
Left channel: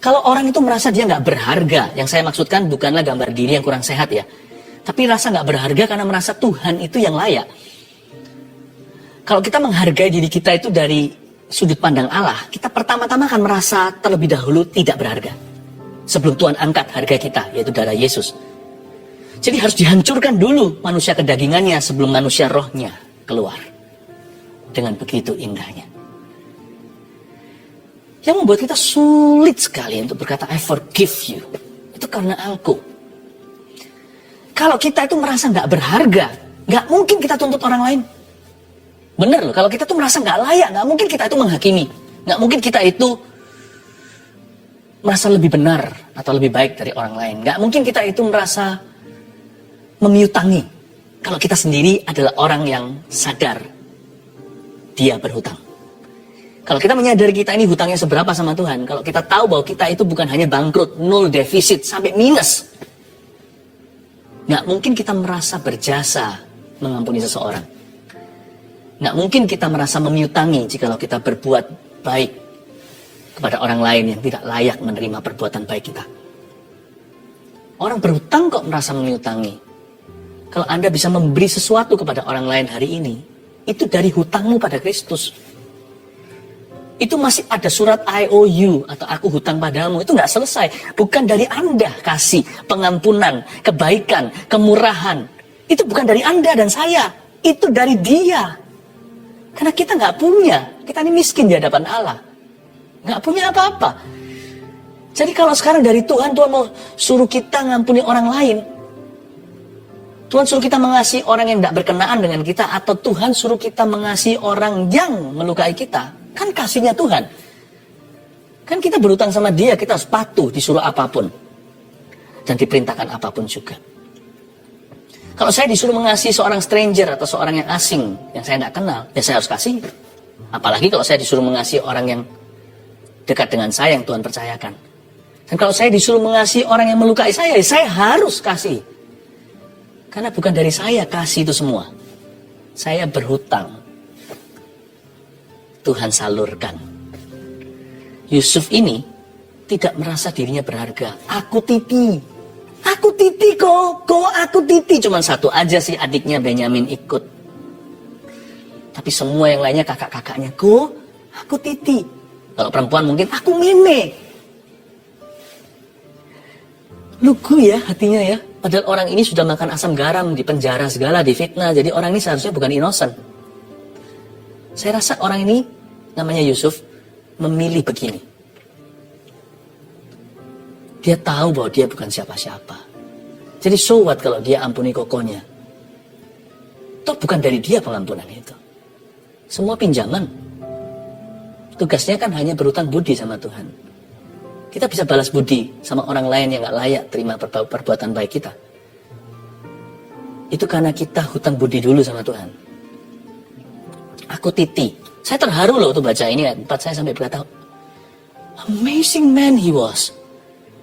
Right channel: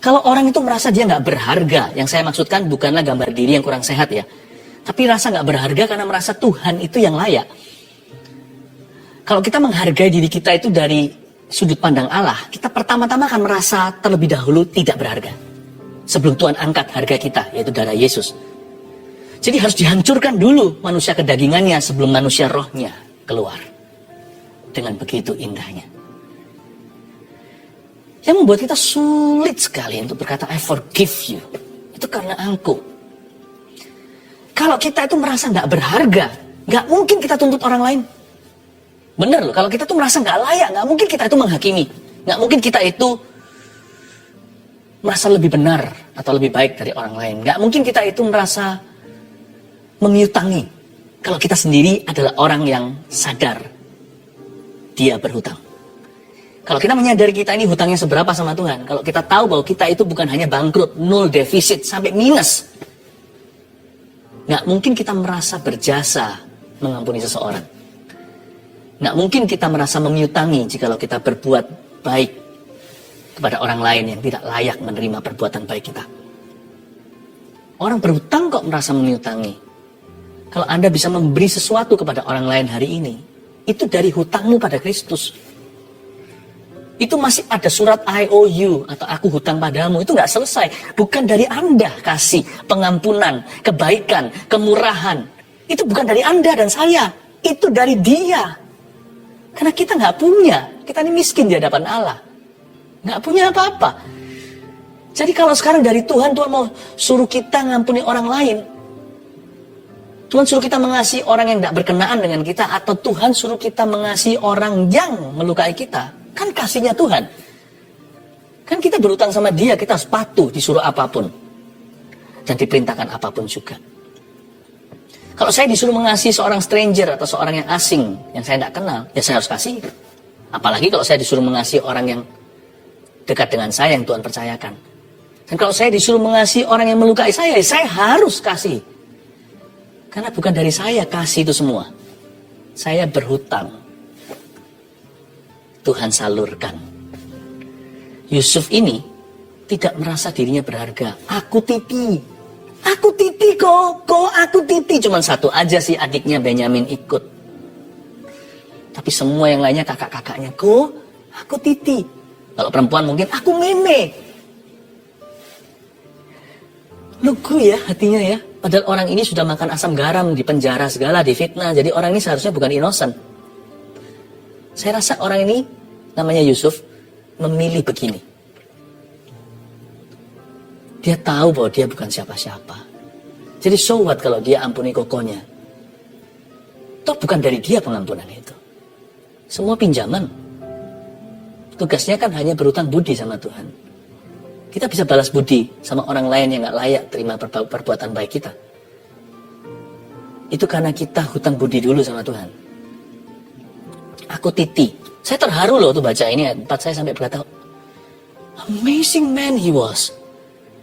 Kalau orang itu merasa dia nggak berharga, yang saya maksudkan bukanlah gambar diri yang kurang sehat ya. Tapi rasa nggak berharga karena merasa Tuhan itu yang layak. Kalau kita menghargai diri kita itu dari sudut pandang Allah, kita pertama-tama akan merasa terlebih dahulu tidak berharga. Sebelum Tuhan angkat harga kita, yaitu darah Yesus. Jadi harus dihancurkan dulu manusia kedagingannya sebelum manusia rohnya keluar. Dengan begitu indahnya. Yang membuat kita sulit sekali untuk berkata, I forgive you. Itu karena Engkau. Kalau kita itu merasa nggak berharga, nggak mungkin kita tuntut orang lain. Benar loh, kalau kita tuh merasa nggak layak, nggak mungkin kita itu menghakimi. Nggak mungkin kita itu merasa lebih benar atau lebih baik dari orang lain. Nggak mungkin kita itu merasa memiutangi. Kalau kita sendiri adalah orang yang sadar dia berhutang. Kalau kita menyadari kita ini hutangnya seberapa sama Tuhan, kalau kita tahu bahwa kita itu bukan hanya bangkrut, nol defisit, sampai minus, nggak mungkin kita merasa berjasa mengampuni seseorang. Nggak mungkin kita merasa memiutangi jikalau kita berbuat baik kepada orang lain yang tidak layak menerima perbuatan baik kita. Orang berhutang kok merasa memiutangi. Kalau Anda bisa memberi sesuatu kepada orang lain hari ini, itu dari hutangmu pada Kristus. Itu masih ada surat IOU atau aku hutang padamu. Itu nggak selesai. Bukan dari Anda kasih pengampunan, kebaikan, kemurahan. Itu bukan dari Anda dan saya. Itu dari Dia. Karena kita nggak punya. Kita ini miskin di hadapan Allah. Nggak punya apa-apa. Jadi kalau sekarang dari Tuhan, Tuhan mau suruh kita ngampuni orang lain. Tuhan suruh kita mengasihi orang yang tidak berkenaan dengan kita. Atau Tuhan suruh kita mengasihi orang yang melukai kita. Kan kasihnya Tuhan. Kan kita berutang sama Dia, kita harus patuh disuruh apapun. Dan diperintahkan apapun juga. Kalau saya disuruh mengasihi seorang stranger atau seorang yang asing yang saya tidak kenal, ya saya harus kasih. Apalagi kalau saya disuruh mengasihi orang yang dekat dengan saya yang Tuhan percayakan. Dan kalau saya disuruh mengasihi orang yang melukai saya, ya saya harus kasih. Karena bukan dari saya kasih itu semua. Saya berhutang. Tuhan salurkan. Yusuf ini tidak merasa dirinya berharga. Aku titi kok, aku titi. Cuman satu aja sih adiknya Benyamin ikut. Tapi semua yang lainnya kakak-kakaknya, kok aku titi. Kalau perempuan mungkin aku meme. Lugu ya hatinya ya. Padahal orang ini sudah makan asam garam, di penjara segala, difitnah. Jadi orang ini seharusnya bukan innocent. Saya rasa orang ini, namanya Yusuf, memilih begini. Dia tahu bahwa dia bukan siapa-siapa. Jadi so what kalau dia ampuni kokonya? Toh bukan dari dia pengampunan itu. Semua pinjaman. Tugasnya kan hanya berhutang budi sama Tuhan. Kita bisa balas budi sama orang lain yang gak layak terima perbuatan baik kita. Itu karena kita hutang budi dulu sama Tuhan. Aku titi. Saya terharu loh tuh baca ini ya. Tempat saya sampai berkata, amazing man he was.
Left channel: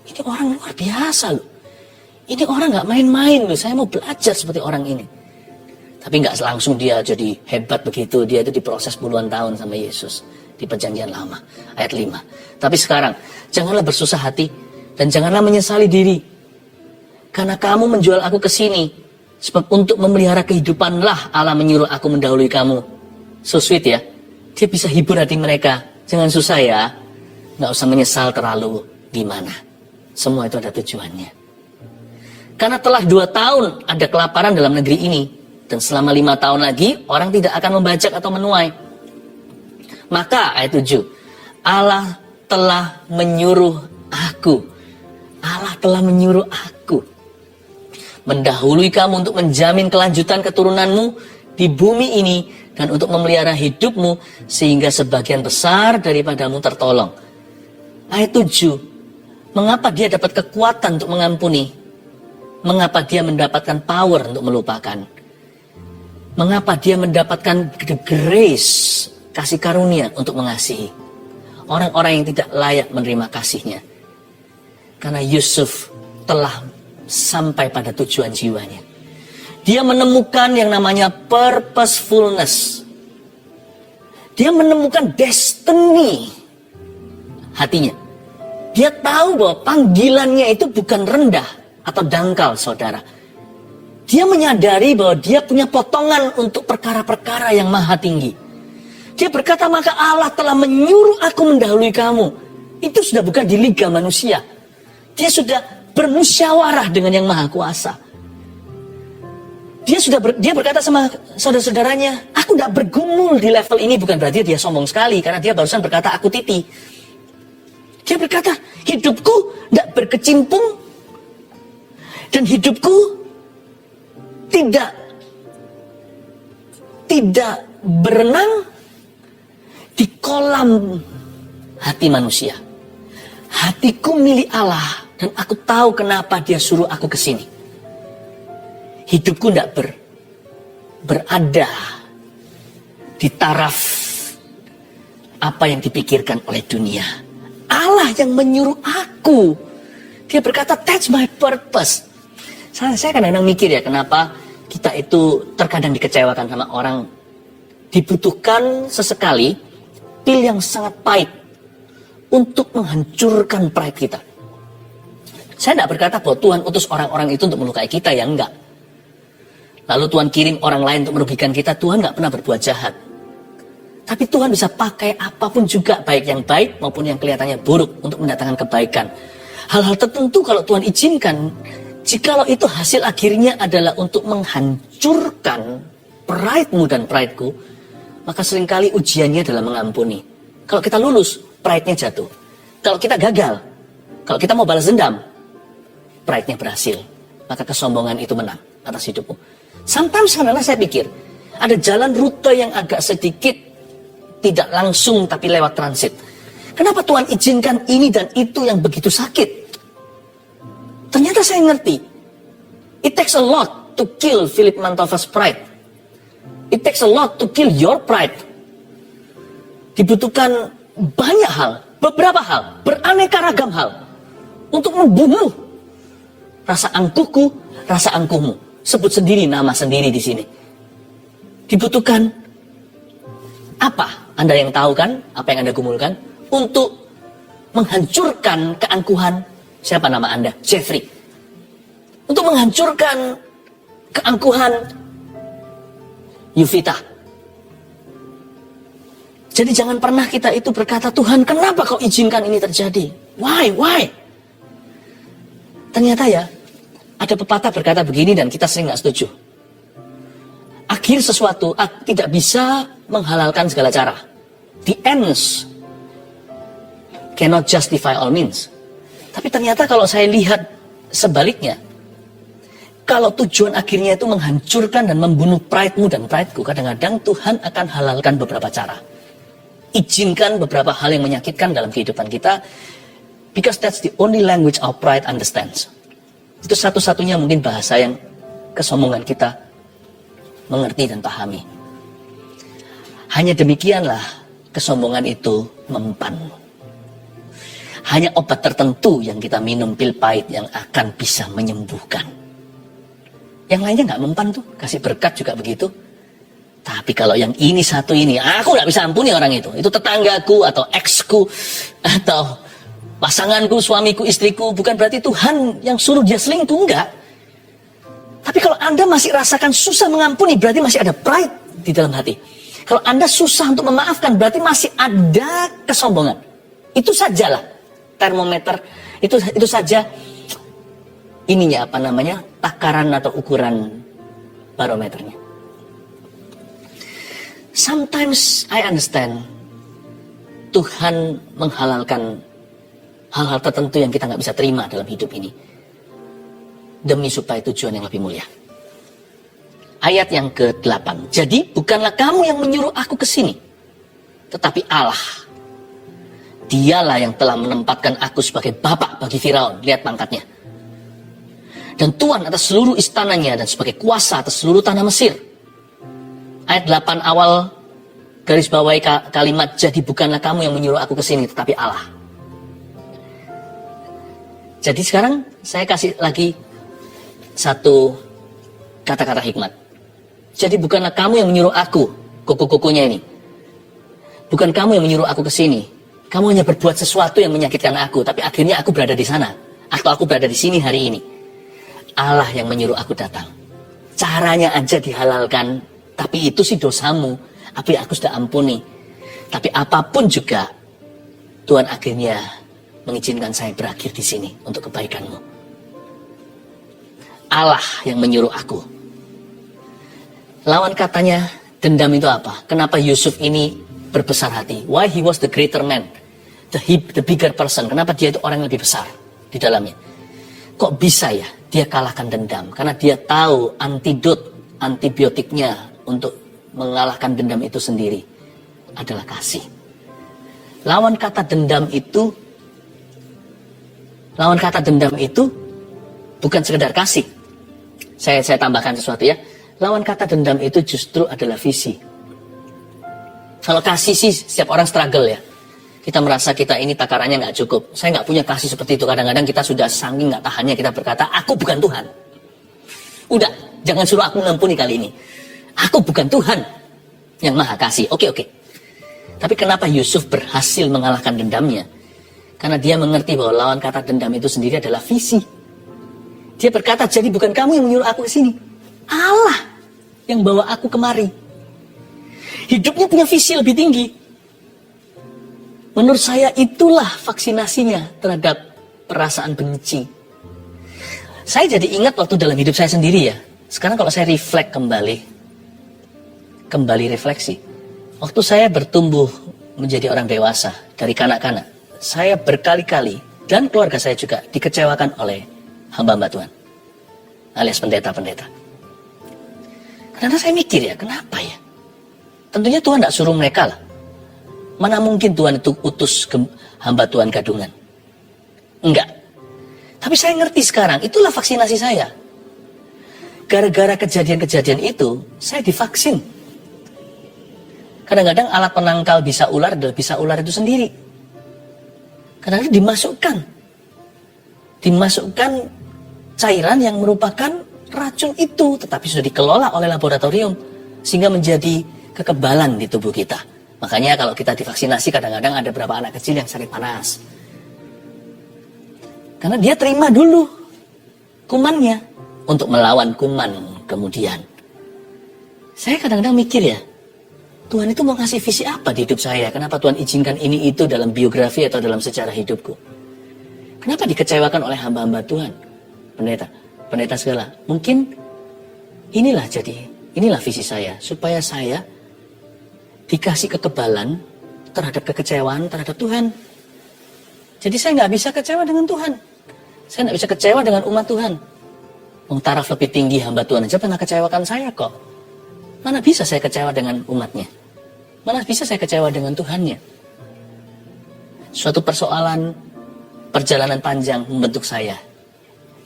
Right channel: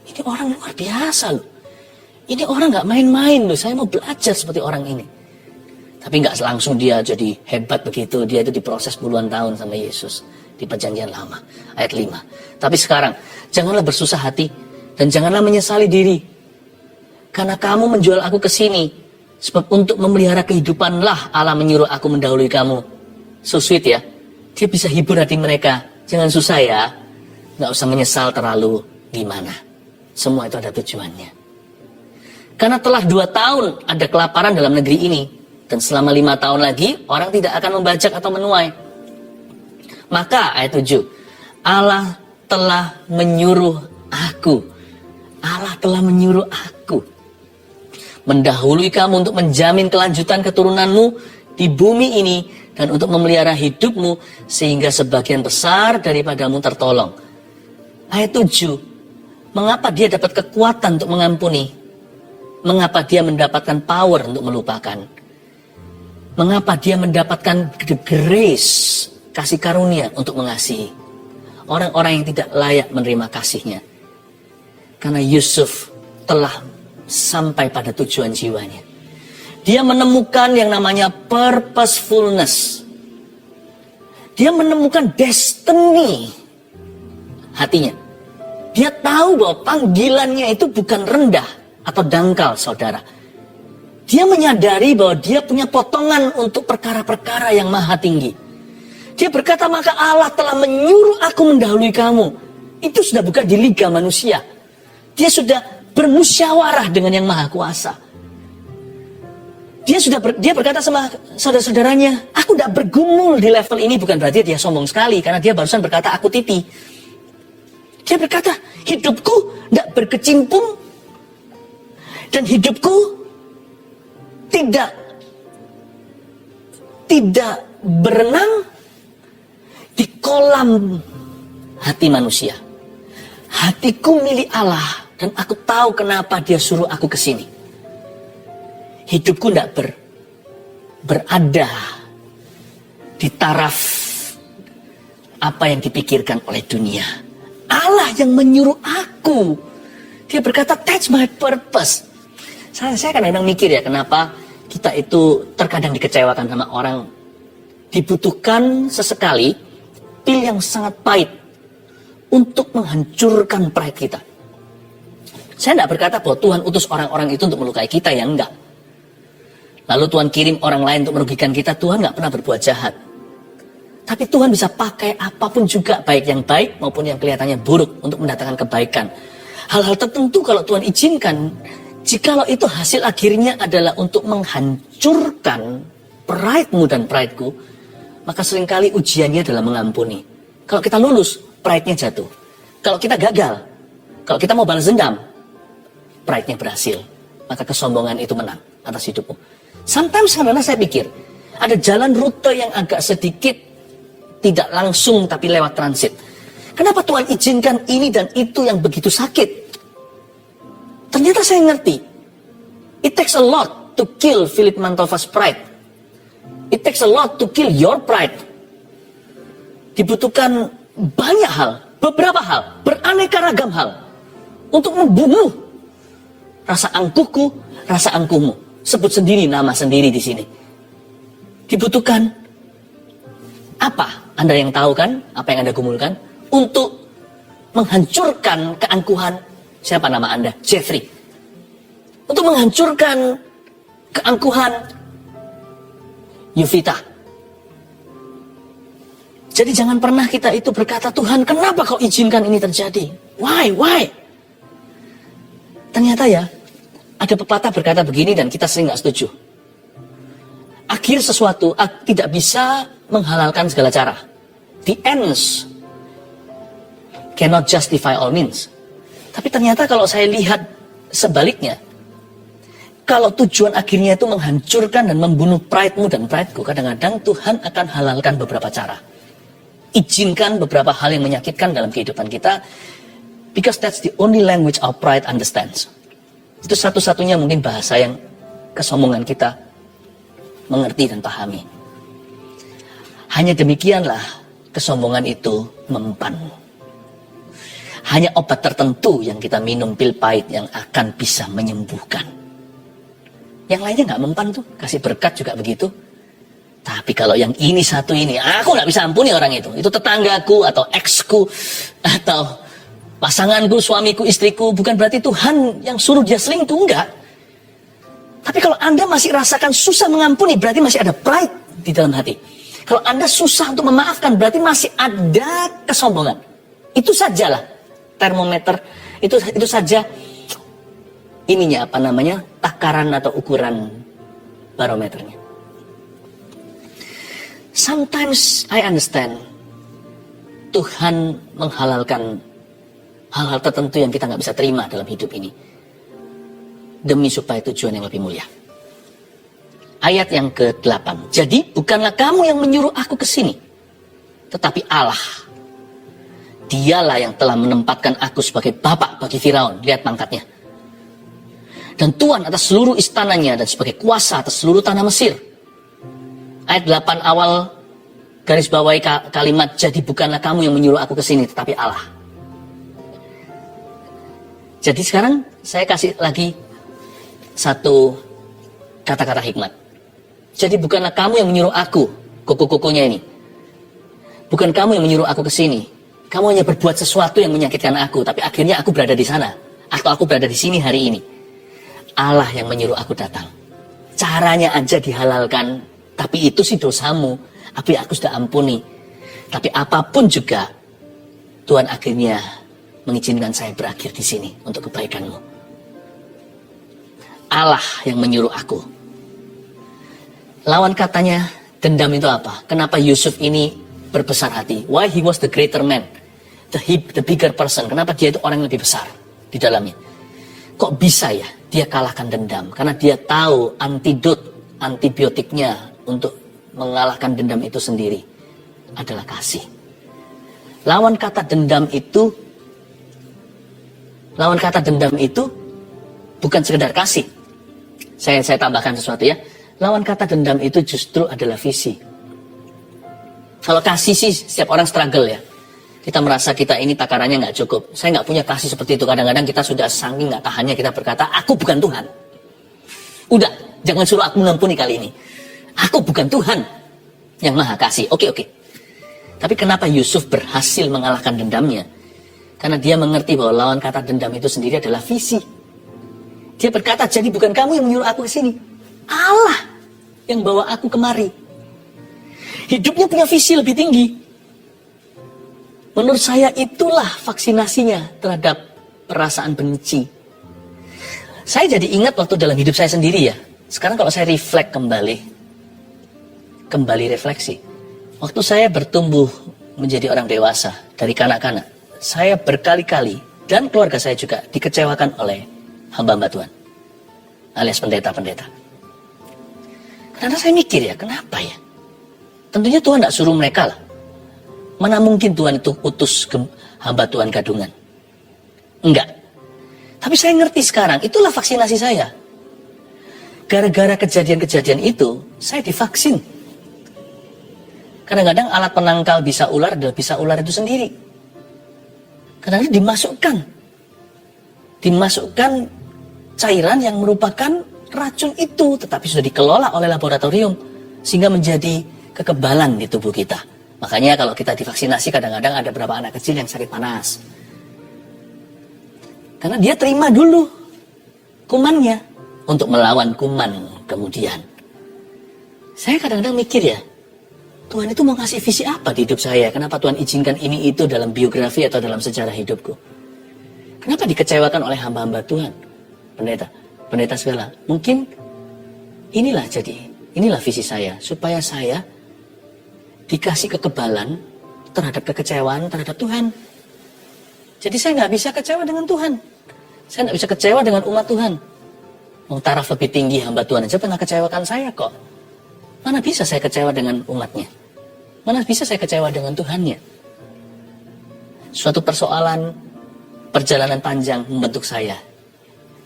Ini orang luar biasa loh. Ini orang gak main-main loh. Saya mau belajar seperti orang ini. Tapi gak langsung dia jadi hebat begitu. Dia itu diproses puluhan tahun sama Yesus. Di perjanjian lama. Ayat 5. Tapi sekarang, janganlah bersusah hati. Dan janganlah menyesali diri. Karena kamu menjual aku ke sini. Sebab untuk memelihara kehidupanlah Allah menyuruh aku mendahului kamu. So sweet ya. Dia bisa hibur hati mereka. Jangan susah ya. Gak usah menyesal terlalu gimana. Semua itu ada tujuannya. Karena telah 2 tahun ada kelaparan dalam negeri ini. Dan selama 5 tahun lagi orang tidak akan membajak atau menuai. Maka ayat 7. Allah telah menyuruh aku. Allah telah menyuruh aku. Mendahului kamu untuk menjamin kelanjutan keturunanmu di bumi ini. Dan untuk memelihara hidupmu sehingga sebagian besar daripadamu tertolong. Ayat 7. Mengapa dia dapat kekuatan untuk mengampuni? Mengapa dia mendapatkan power untuk melupakan? Mengapa dia mendapatkan the grace, kasih karunia untuk mengasihi orang-orang yang tidak layak menerima kasihnya? Karena Yusuf telah sampai pada tujuan jiwanya. Dia menemukan yang namanya purposefulness. Dia menemukan destiny hatinya. Dia tahu bahwa panggilannya itu bukan rendah atau dangkal, saudara. Dia menyadari bahwa dia punya potongan untuk perkara-perkara yang maha tinggi. Dia berkata, maka Allah telah menyuruh aku mendahului kamu. Itu sudah bukan di liga manusia. Dia sudah bermusyawarah dengan yang maha kuasa. Dia berkata sama saudara-saudaranya, aku tidak bergumul di level ini. Bukan berarti dia sombong sekali, karena dia barusan berkata, aku titi. Dia berkata, hidupku tidak berkecimpung, dan hidupku tidak berenang di kolam hati manusia. Hatiku milik Allah, dan aku tahu kenapa dia suruh aku ke sini. Hidupku tidak berada di taraf apa yang dipikirkan oleh dunia. Allah yang menyuruh aku. Dia berkata, that's my purpose. Saya kadang-kadang mikir ya, kenapa kita itu terkadang dikecewakan sama orang. Dibutuhkan sesekali pil yang sangat pahit untuk menghancurkan pride kita. Saya tidak berkata bahwa Tuhan utus orang-orang itu untuk melukai kita, ya enggak. Lalu Tuhan kirim orang lain untuk merugikan kita. Tuhan nggak pernah berbuat jahat. Tapi Tuhan bisa pakai apapun juga, baik yang baik maupun yang kelihatannya buruk, untuk mendatangkan kebaikan. Hal-hal tertentu kalau Tuhan izinkan, jikalau itu hasil akhirnya adalah untuk menghancurkan pride-mu dan pride-ku, maka seringkali ujiannya adalah mengampuni. Kalau kita lulus, pride-nya jatuh. Kalau kita gagal, kalau kita mau balas dendam, pride-nya berhasil. Maka kesombongan itu menang atas hidupmu. Sometimes kadang-kadang saya pikir, ada jalan rute yang agak sedikit tidak langsung tapi lewat transit. Kenapa Tuhan izinkan ini dan itu yang begitu sakit? Ternyata saya ngerti. It takes a lot to kill Philip Mantova's pride. It takes a lot to kill your pride. Dibutuhkan banyak hal, beberapa hal, beraneka ragam hal untuk membunuh rasa angkuhku, rasa angkuhmu. Sebut sendiri nama sendiri di sini. Dibutuhkan apa? Anda yang tahu kan, apa yang Anda gumulkan untuk menghancurkan keangkuhan. Siapa nama Anda? Jeffrey. Untuk menghancurkan keangkuhan Yuvita. Jadi jangan pernah kita itu berkata, Tuhan kenapa kau izinkan ini terjadi? Why? Ternyata ya, ada pepatah berkata begini dan kita sering gak setuju. Akhir sesuatu tidak bisa menghalalkan segala cara. The ends cannot justify all means. Tapi ternyata kalau saya lihat sebaliknya, kalau tujuan akhirnya itu menghancurkan dan membunuh pride-mu dan pride-ku, kadang-kadang Tuhan akan halalkan beberapa cara. Izinkan beberapa hal yang menyakitkan dalam kehidupan kita, because that's the only language our pride understands. Itu satu-satunya mungkin bahasa yang kesombongan kita mengerti dan pahami. Hanya demikianlah kesombongan itu mempan. Hanya obat tertentu yang kita minum, pil pahit, yang akan bisa menyembuhkan. Yang lainnya nggak mempan tuh, kasih berkat juga begitu. Tapi kalau yang ini satu ini, aku nggak bisa ampuni orang itu. Itu tetanggaku atau eksku atau pasanganku, suamiku, istriku. Bukan berarti Tuhan yang suruh dia selingkuh, enggak. Tapi kalau Anda masih rasakan susah mengampuni, berarti masih ada pride di dalam hati. Kalau Anda susah untuk memaafkan, berarti masih ada kesombongan. Itu sajalah termometer, itu saja ininya apa namanya, takaran atau ukuran barometernya. Sometimes I understand Tuhan menghalalkan hal-hal tertentu yang kita nggak bisa terima dalam hidup ini demi supaya tujuan yang lebih mulia. Ayat yang ke-8. Jadi bukanlah kamu yang menyuruh aku ke sini, tetapi Allah. Dialah yang telah menempatkan aku sebagai bapak bagi Firaun. Lihat pangkatnya. Dan Tuhan atas seluruh istananya dan sebagai kuasa atas seluruh tanah Mesir. Ayat 8 awal garis bawahi kalimat, jadi bukanlah kamu yang menyuruh aku ke sini, tetapi Allah. Jadi sekarang saya kasih lagi satu kata-kata hikmat. Jadi bukanlah kamu yang menyuruh aku, koko-kokonya ini. Bukan kamu yang menyuruh aku ke sini. Kamu hanya berbuat sesuatu yang menyakitkan aku, tapi akhirnya aku berada di sana. Atau aku berada di sini hari ini. Allah yang menyuruh aku datang. Caranya aja dihalalkan, tapi itu sih dosamu. Tapi aku sudah ampuni. Tapi apapun juga, Tuhan akhirnya mengizinkan saya berakhir di sini untuk kebaikanmu. Allah yang menyuruh aku. Lawan katanya, dendam itu apa? Kenapa Yusuf ini berbesar hati? Why he was the greater man? The bigger person. Kenapa dia itu orang yang lebih besar di dalamnya? Kok bisa ya dia kalahkan dendam? Karena dia tahu antibiotiknya untuk mengalahkan dendam itu sendiri adalah kasih. Lawan kata dendam itu bukan sekedar kasih. Saya tambahkan sesuatu ya. Lawan kata dendam itu justru adalah visi. Kalau kasih sih setiap orang struggle ya. Kita merasa kita ini takarannya nggak cukup. Saya nggak punya kasih seperti itu. Kadang-kadang kita sudah saking nggak tahannya kita berkata, aku bukan Tuhan. Udah, jangan suruh aku mengampuni kali ini. Aku bukan Tuhan yang maha kasih. Oke. Tapi kenapa Yusuf berhasil mengalahkan dendamnya? Karena dia mengerti bahwa lawan kata dendam itu sendiri adalah visi. Dia berkata, jadi bukan kamu yang menyuruh aku ke sini. Allah yang bawa aku kemari. Hidupnya punya visi lebih tinggi. Menurut saya itulah vaksinasinya terhadap perasaan benci. Saya jadi ingat waktu dalam hidup saya sendiri ya. Sekarang kalau saya kembali refleksi. Waktu saya bertumbuh menjadi orang dewasa dari kanak-kanak, saya berkali-kali dan keluarga saya juga dikecewakan oleh hamba-hamba Tuhan alias pendeta-pendeta. Karena saya mikir ya, kenapa ya? Tentunya Tuhan tidak suruh mereka lah. Mana mungkin Tuhan itu utus hamba Tuhan gadungan? Enggak. Tapi saya ngerti sekarang, itulah vaksinasi saya. Gara-gara kejadian-kejadian itu, saya divaksin. Kadang-kadang alat penangkal bisa ular itu sendiri. Kadang-kadang dimasukkan cairan yang merupakan racun itu, tetapi sudah dikelola oleh laboratorium sehingga menjadi kekebalan di tubuh kita. Makanya kalau kita divaksinasi kadang-kadang ada beberapa anak kecil yang sakit panas. Karena dia terima dulu kumannya untuk melawan kuman kemudian. Saya kadang-kadang mikir ya, Tuhan itu mau ngasih visi apa di hidup saya? Kenapa Tuhan izinkan ini itu dalam biografi atau dalam sejarah hidupku? Kenapa dikecewakan oleh hamba-hamba Tuhan? Pendeta segala. Mungkin inilah visi saya. Supaya saya dikasih kekebalan terhadap kekecewaan terhadap Tuhan. Jadi saya nggak bisa kecewa dengan Tuhan. Saya nggak bisa kecewa dengan umat Tuhan. Taraf lebih tinggi hamba Tuhan aja pernah kecewakan saya kok. Mana bisa saya kecewa dengan umatnya? Mana bisa saya kecewa dengan Tuhannya? Suatu persoalan perjalanan panjang membentuk saya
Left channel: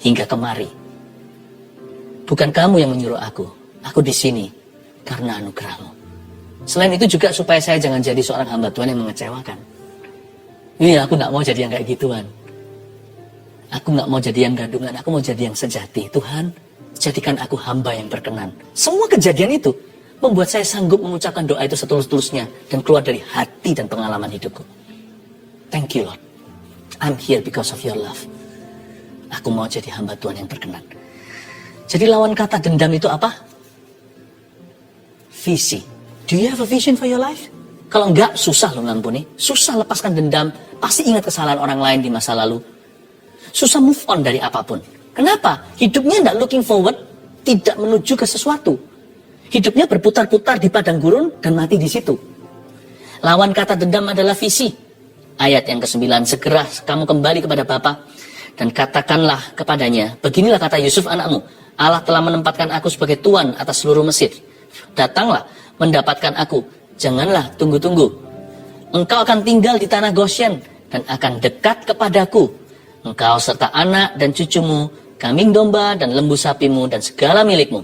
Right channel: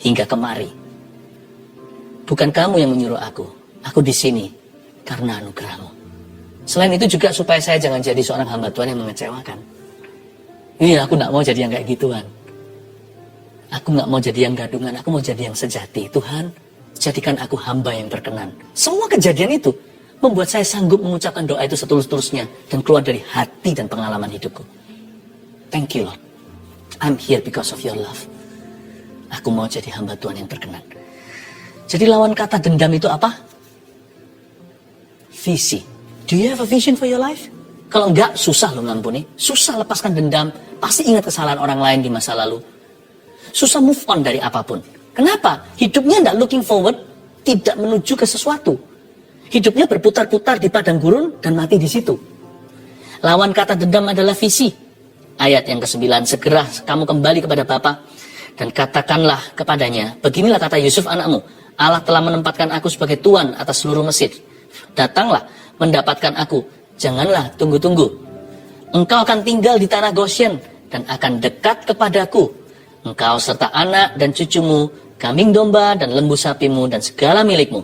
hingga kemari. Bukan kamu yang menyuruh aku di sini karena anugerahmu. Selain itu juga supaya saya jangan jadi seorang hamba Tuhan yang mengecewakan. Ini aku gak mau jadi yang kayak gituan. Aku gak mau jadi yang gadungan, aku mau jadi yang sejati. Tuhan, jadikan aku hamba yang berkenan. Semua kejadian itu membuat saya sanggup mengucapkan doa itu setulus-tulusnya dan keluar dari hati dan pengalaman hidupku. Thank you Lord. I'm here because of your love. Aku mau jadi hamba Tuhan yang berkenan. Jadi lawan kata dendam itu apa? Visi. Do you have a vision for your life? Kalau enggak, susah lo ngampuni. Susah lepaskan dendam. Pasti ingat kesalahan orang lain di masa lalu. Susah move on dari apapun. Kenapa? Hidupnya enggak looking forward, tidak menuju ke sesuatu. Hidupnya berputar-putar di padang gurun dan mati di situ. Lawan kata dendam adalah visi. Ayat yang ke-9, segera kamu kembali kepada Bapa dan katakanlah kepadanya, beginilah kata Yusuf anakmu, Allah telah menempatkan aku sebagai tuan atas seluruh Mesir. Datanglah mendapatkan aku, janganlah tunggu-tunggu. Engkau akan tinggal di tanah Goshen dan akan dekat kepadaku. Engkau serta anak dan cucumu, kambing domba dan lembu sapimu dan segala milikmu.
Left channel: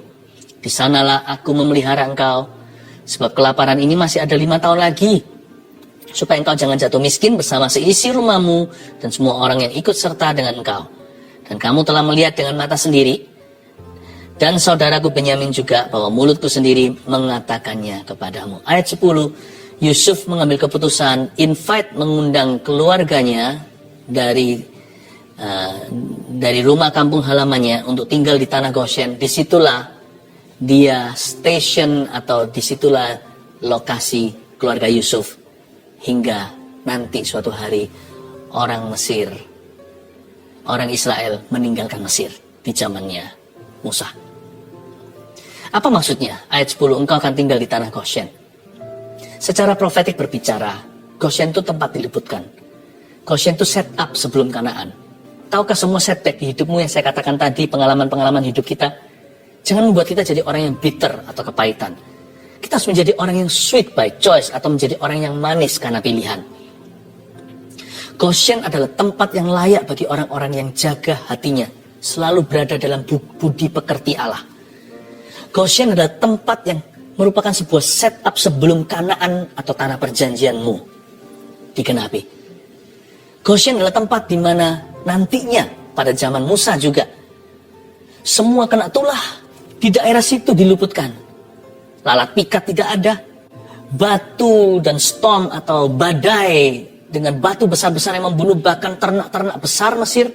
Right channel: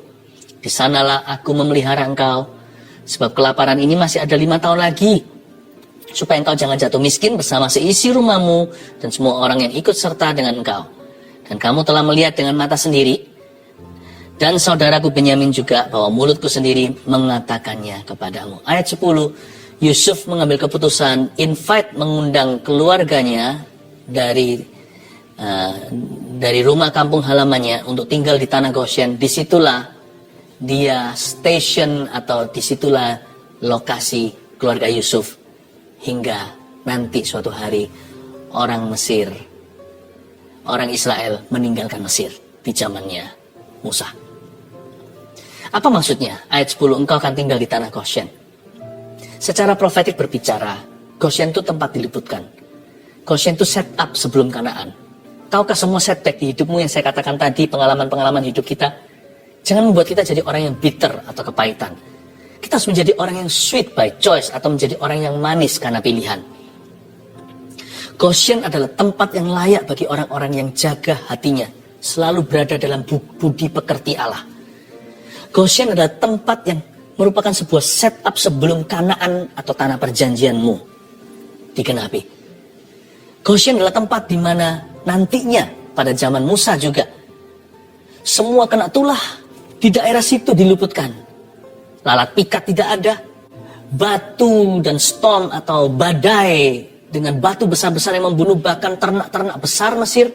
Di sanalah aku memelihara engkau, sebab kelaparan ini masih ada 5 tahun lagi, supaya engkau jangan jatuh miskin bersama seisi rumahmu dan semua orang yang ikut serta dengan engkau. Dan kamu telah melihat dengan mata sendiri, dan saudaraku Benyamin juga, bahwa mulutku sendiri mengatakannya kepadamu. Ayat 10, Yusuf mengambil keputusan, mengundang keluarganya dari rumah kampung halamannya untuk tinggal di tanah Goshen. Disitulah dia station atau disitulah lokasi keluarga Yusuf hingga nanti suatu hari orang Mesir, orang Israel meninggalkan Mesir di zamannya Musa. Apa maksudnya? Ayat 10, engkau akan tinggal di tanah Goshen. Secara profetik berbicara, Goshen itu tempat diluputkan. Goshen itu set up sebelum Kanaan. Tahukah semua setback di hidupmu yang saya katakan tadi, pengalaman-pengalaman hidup kita? Jangan membuat kita jadi orang yang bitter atau kepahitan. Kita harus menjadi orang yang sweet by choice atau menjadi orang yang manis karena pilihan. Goshen adalah tempat yang layak bagi orang-orang yang jaga hatinya, selalu berada dalam budi pekerti Allah. Goshen adalah tempat yang merupakan sebuah setup sebelum Kanaan atau tanah perjanjianmu digenapi. Goshen adalah tempat di mana nantinya pada zaman Musa juga semua kena tulah di daerah situ diluputkan. Lalat pikat tidak ada. Batu dan storm atau badai dengan batu besar-besar yang membunuh bahkan ternak-ternak besar Mesir.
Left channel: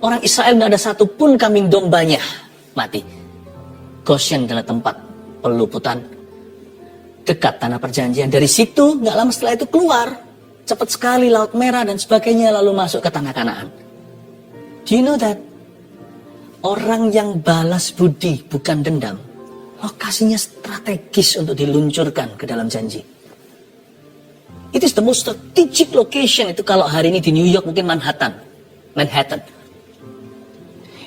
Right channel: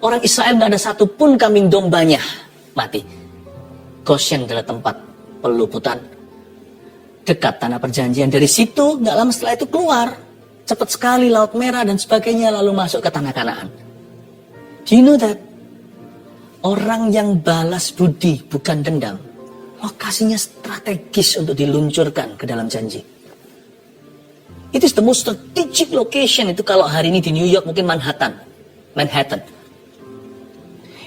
Orang Israel nggak ada satupun kambing dombanya mati. Goshen adalah tempat peluputan. Dekat tanah perjanjian. Dari situ nggak lama setelah itu keluar. Cepat sekali Laut Merah dan sebagainya lalu masuk ke tanah Kanaan. Do you know that? Orang yang balas budi bukan dendam. Lokasinya strategis untuk diluncurkan ke dalam janji. It is the most strategic location. Itu kalau hari ini di New York mungkin Manhattan.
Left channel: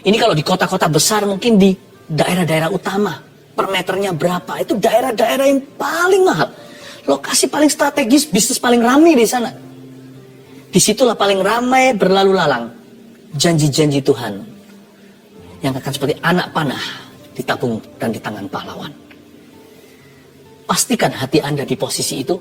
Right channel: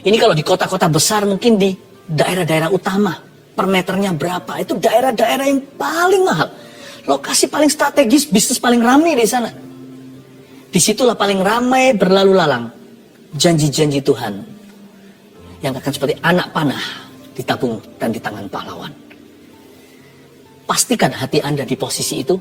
Ini kalau di kota-kota besar mungkin di daerah-daerah utama. Per meternya berapa. Itu daerah-daerah yang paling mahal. Lokasi paling strategis, bisnis paling ramai di sana. Disitulah paling ramai berlalu lalang janji-janji Tuhan. Yang akan seperti anak panah ditabung dan di tangan pahlawan. Pastikan hati Anda di posisi itu.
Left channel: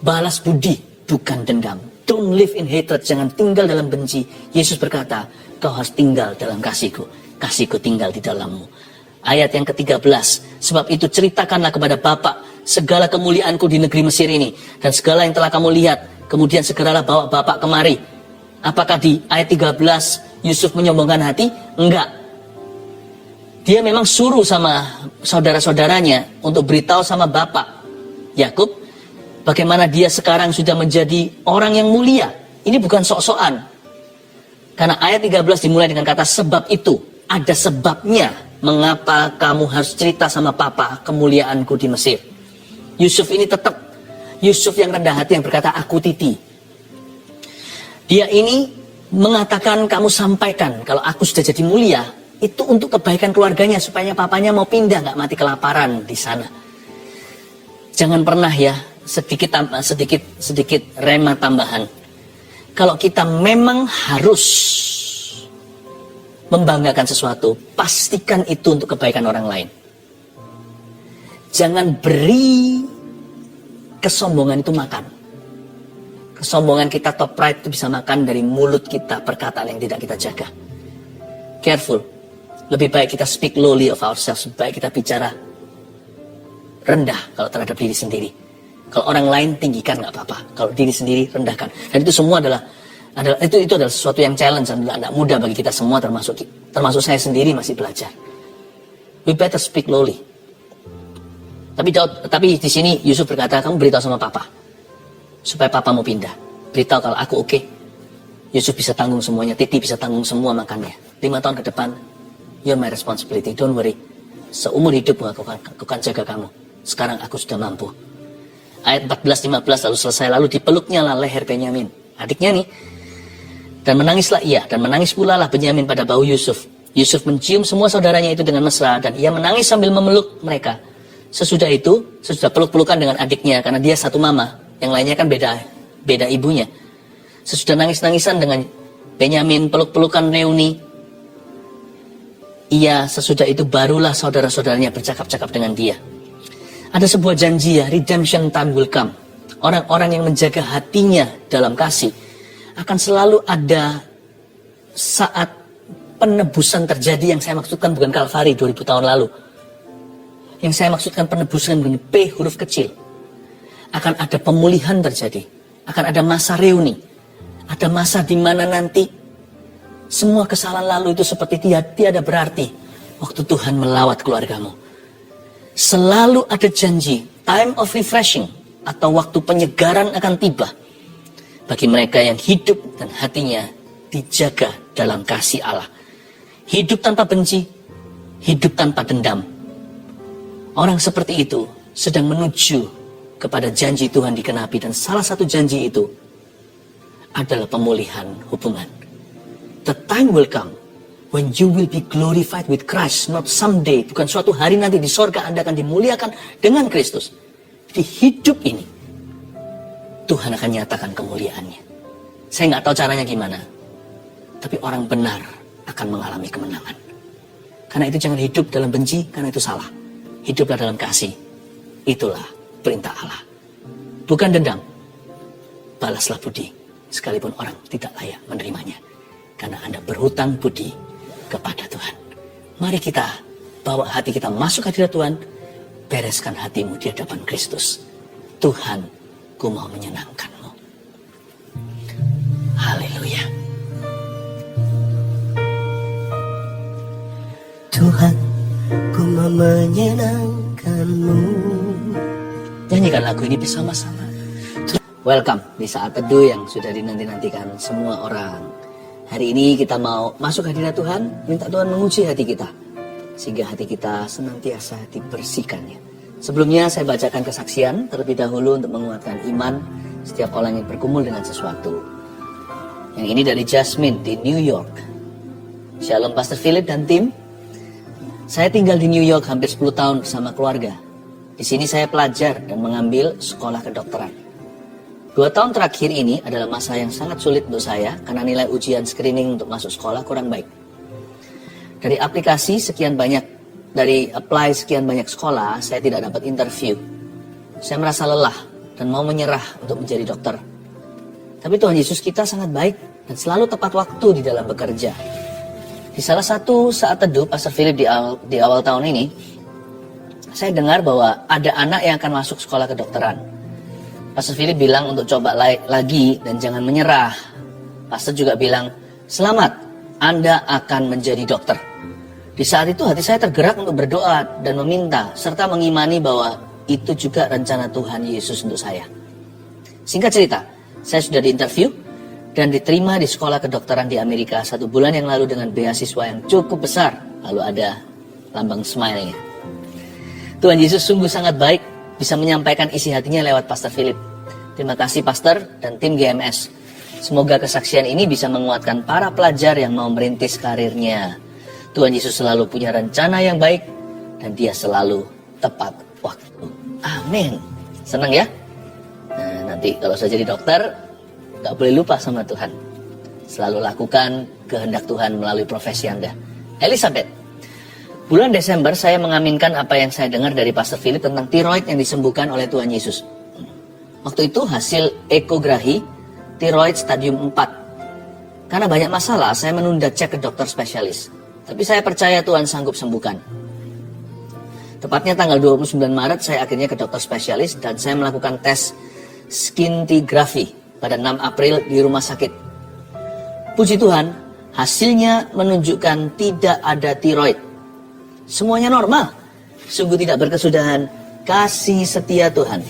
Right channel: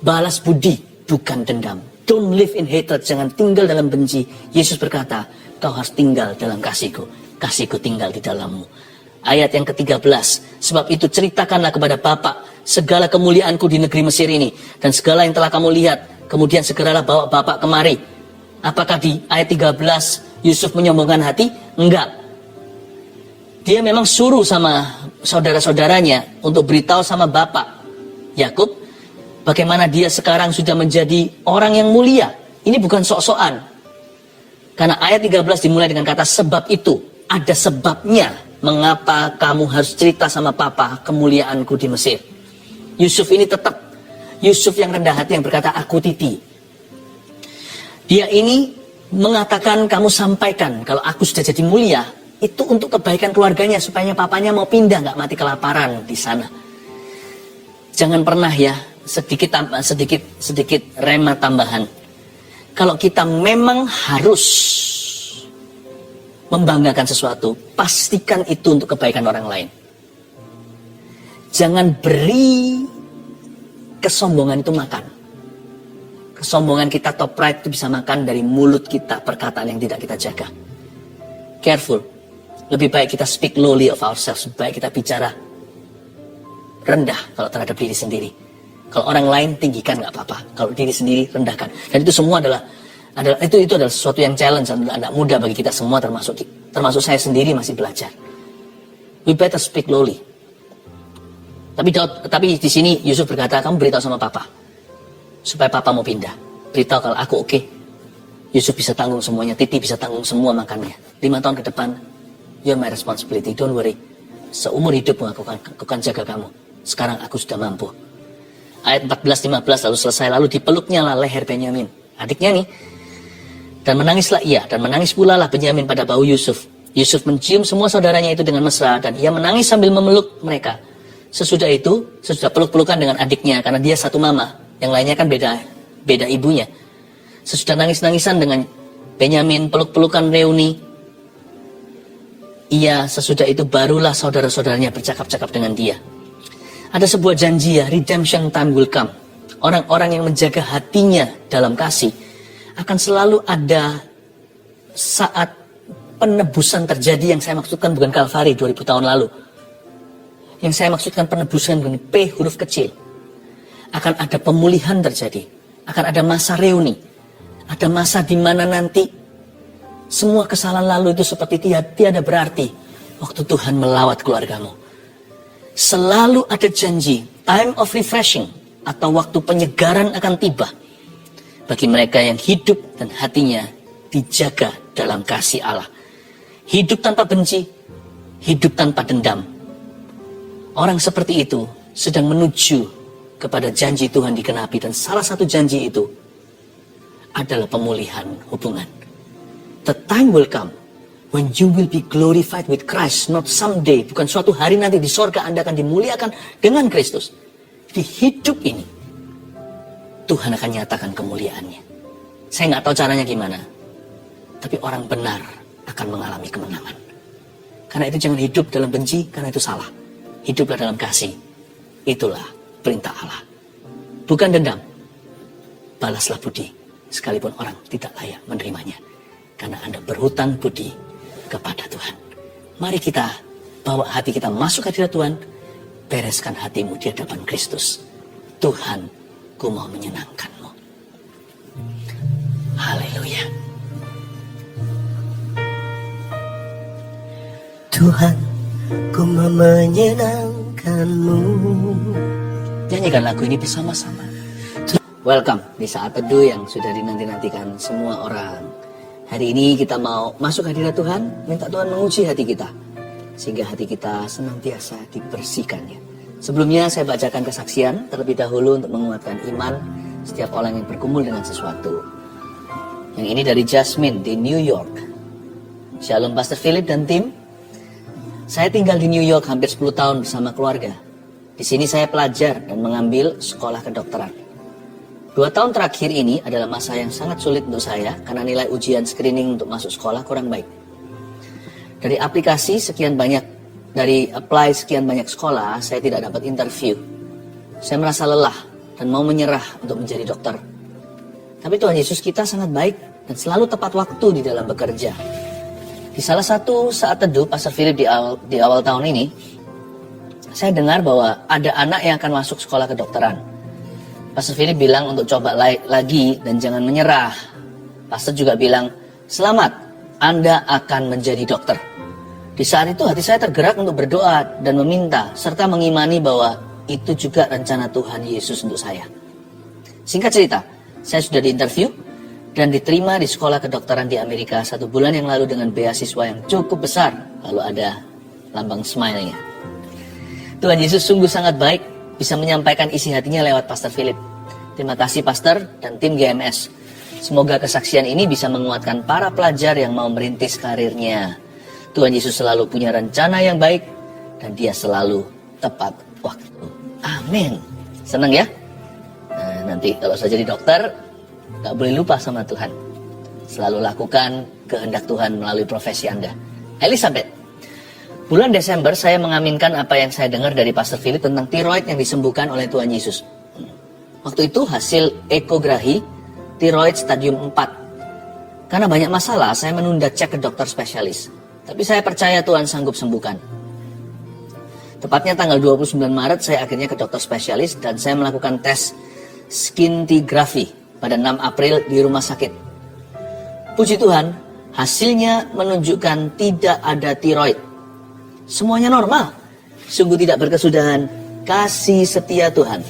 Balas budi bukan dendam. Don't live in hatred, jangan tinggal dalam benci. Yesus berkata, kau harus tinggal dalam kasihku. Kasihku tinggal di dalammu. Ayat yang ke-13, sebab itu ceritakanlah kepada Bapa segala kemuliaanku di negeri Mesir ini dan segala yang telah kamu lihat. Kemudian segeralah bawa Bapa kemari. Apakah di ayat 13 Yusuf menyombongkan hati? Enggak. Dia memang suruh sama saudara-saudaranya untuk beritahu sama bapak Yakub bagaimana dia sekarang sudah menjadi orang yang mulia. Ini bukan sok-sokan. Karena ayat 13 dimulai dengan kata sebab itu. Ada sebabnya mengapa kamu harus cerita sama papa kemuliaanku di Mesir. Yusuf ini tetap Yusuf yang rendah hati yang berkata aku titi. Dia ini mengatakan kamu sampaikan kalau aku sudah jadi mulia itu untuk kebaikan keluarganya supaya papanya mau pindah nggak mati kelaparan di sana. Jangan pernah ya sedikit rema tambahan. Kalau kita memang harus membanggakan sesuatu, pastikan itu untuk kebaikan orang lain. Jangan beri kesombongan itu makan. Kesombongan kita atau pride itu bisa makan dari mulut kita, perkataan yang tidak kita jaga. Careful. Lebih baik kita speak lowly of ourselves. Lebih baik kita bicara rendah kalau terhadap diri sendiri. Kalau orang lain tinggikan nggak apa-apa. Kalau diri sendiri rendahkan. Dan itu semua adalah sesuatu yang challenge dan tidak mudah bagi kita semua termasuk saya sendiri masih belajar. We better speak lowly. Tapi di sini Yusuf berkata, kamu beritahu sama papa. Supaya papa mau pindah. Beritahu kalau aku oke. Yusuf bisa tanggung semuanya. Titi bisa tanggung semua makannya. 5 tahun ke depan, you're my responsibility. Don't worry. Seumur hidup aku akan jaga kamu. Sekarang aku sudah mampu. Ayat 14-15 lalu selesai. Lalu dipeluknya lah leher Benyamin. Adiknya nih. Dan menangislah ia. Dan menangis pula lah Benyamin pada bahu Yusuf. Yusuf mencium semua saudaranya itu dengan mesra. Dan ia menangis sambil memeluk mereka. Sesudah peluk-pelukan dengan adiknya. Karena dia satu mama. Yang lainnya kan beda ibunya. Sesudah nangis-nangisan dengan Benyamin, peluk-pelukan Reuni. Sesudah itu barulah saudara-saudaranya bercakap-cakap dengan dia. Ada sebuah janji ya, redemption time will come. Orang-orang yang menjaga hatinya dalam kasih akan selalu ada saat penebusan terjadi. Yang saya maksudkan bukan Kalvari 2000 tahun lalu. Yang saya maksudkan penebusan dengan P huruf kecil. Akan ada pemulihan terjadi. Akan ada masa reuni. Ada masa di mana nanti semua kesalahan lalu itu seperti tiada berarti. Waktu Tuhan melawat keluargamu. Selalu ada janji. Time of refreshing. atau waktu penyegaran akan tiba bagi mereka yang hidup dan hatinya dijaga dalam kasih Allah. Hidup tanpa benci, hidup tanpa dendam. Orang seperti itu sedang menuju kepada janji Tuhan dikenapi, dan salah satu janji itu adalah pemulihan hubungan. The time will come when you will be glorified with Christ, not someday. Bukan suatu hari nanti di sorga Anda akan dimuliakan dengan Kristus. Di hidup ini, Tuhan akan nyatakan kemuliaannya. Saya nggak tahu caranya gimana, tapi orang benar akan mengalami kemenangan. Karena itu jangan hidup dalam benci, karena itu salah. Hiduplah dalam kasih. Itulah perintah Allah. Bukan dendam. Balaslah budi, sekalipun orang tidak layak menerimanya. Karena Anda berhutang budi kepada Tuhan. Mari kita bawa hati kita masuk hadirat Tuhan. Bereskan hatimu di hadapan Kristus. Tuhan, ku mau menyenangkanmu. Haleluya. Tuhan, ku mau menyenangkanmu. Nyanyikan lagu ini bersama-sama. Welcome di saat teduh yang sudah dinanti-nantikan semua orang. Hari ini kita mau masuk hadirat Tuhan, minta Tuhan menguji hati kita, sehingga hati kita senantiasa dibersihkannya. Sebelumnya saya bacakan kesaksian terlebih dahulu untuk menguatkan iman setiap orang yang bergumul dengan sesuatu. Yang ini dari Jasmine di New York. Shalom Pastor Philip dan tim. Saya tinggal di New York hampir 10 tahun bersama keluarga. Di sini saya pelajar dan mengambil sekolah kedokteran. 2 tahun terakhir ini adalah masa yang sangat sulit untuk saya karena nilai ujian screening untuk masuk sekolah kurang baik. Dari apply sekian banyak sekolah, saya tidak dapat interview. Saya merasa lelah dan mau menyerah untuk menjadi dokter. Tapi Tuhan Yesus kita sangat baik dan selalu tepat waktu di dalam bekerja. Di salah satu saat teduh Pastor Philip di awal tahun ini, saya dengar bahwa ada anak yang akan masuk sekolah kedokteran. Pastor Philip bilang untuk coba lagi dan jangan menyerah. Pastor juga bilang, selamat, Anda akan menjadi dokter. Di saat itu hati saya tergerak untuk berdoa dan meminta, serta mengimani bahwa itu juga rencana Tuhan Yesus untuk saya. Singkat cerita, saya sudah diinterview dan diterima di sekolah kedokteran di Amerika 1 bulan yang lalu dengan beasiswa yang cukup besar. Lalu ada lambang smile-nya. Tuhan Yesus sungguh sangat baik, bisa menyampaikan isi hatinya lewat Pastor Philip. Terima kasih Pastor dan tim GMS. Semoga kesaksian ini bisa menguatkan para pelajar yang mau merintis karirnya. Tuhan Yesus selalu punya rencana yang baik dan Dia selalu tepat waktu. Amin. Senang ya? Nah, nanti kalau saya jadi dokter, gak boleh lupa sama Tuhan. Selalu lakukan kehendak Tuhan melalui profesi Anda. Elizabeth, bulan Desember saya mengaminkan apa yang saya dengar dari Pastor Philip tentang tiroid yang disembuhkan oleh Tuhan Yesus. Waktu itu hasil ekografi tiroid stadium 4. Karena banyak masalah, saya menunda cek ke dokter spesialis. Tapi saya percaya Tuhan sanggup sembuhkan. Tepatnya tanggal 29 Maret saya akhirnya ke dokter spesialis dan saya melakukan tes scintigraphy pada 6 April di rumah sakit. Puji Tuhan, hasilnya menunjukkan tidak ada tiroid. Semuanya normal. Sungguh tidak berkesudahan. Kasih setia Tuhan.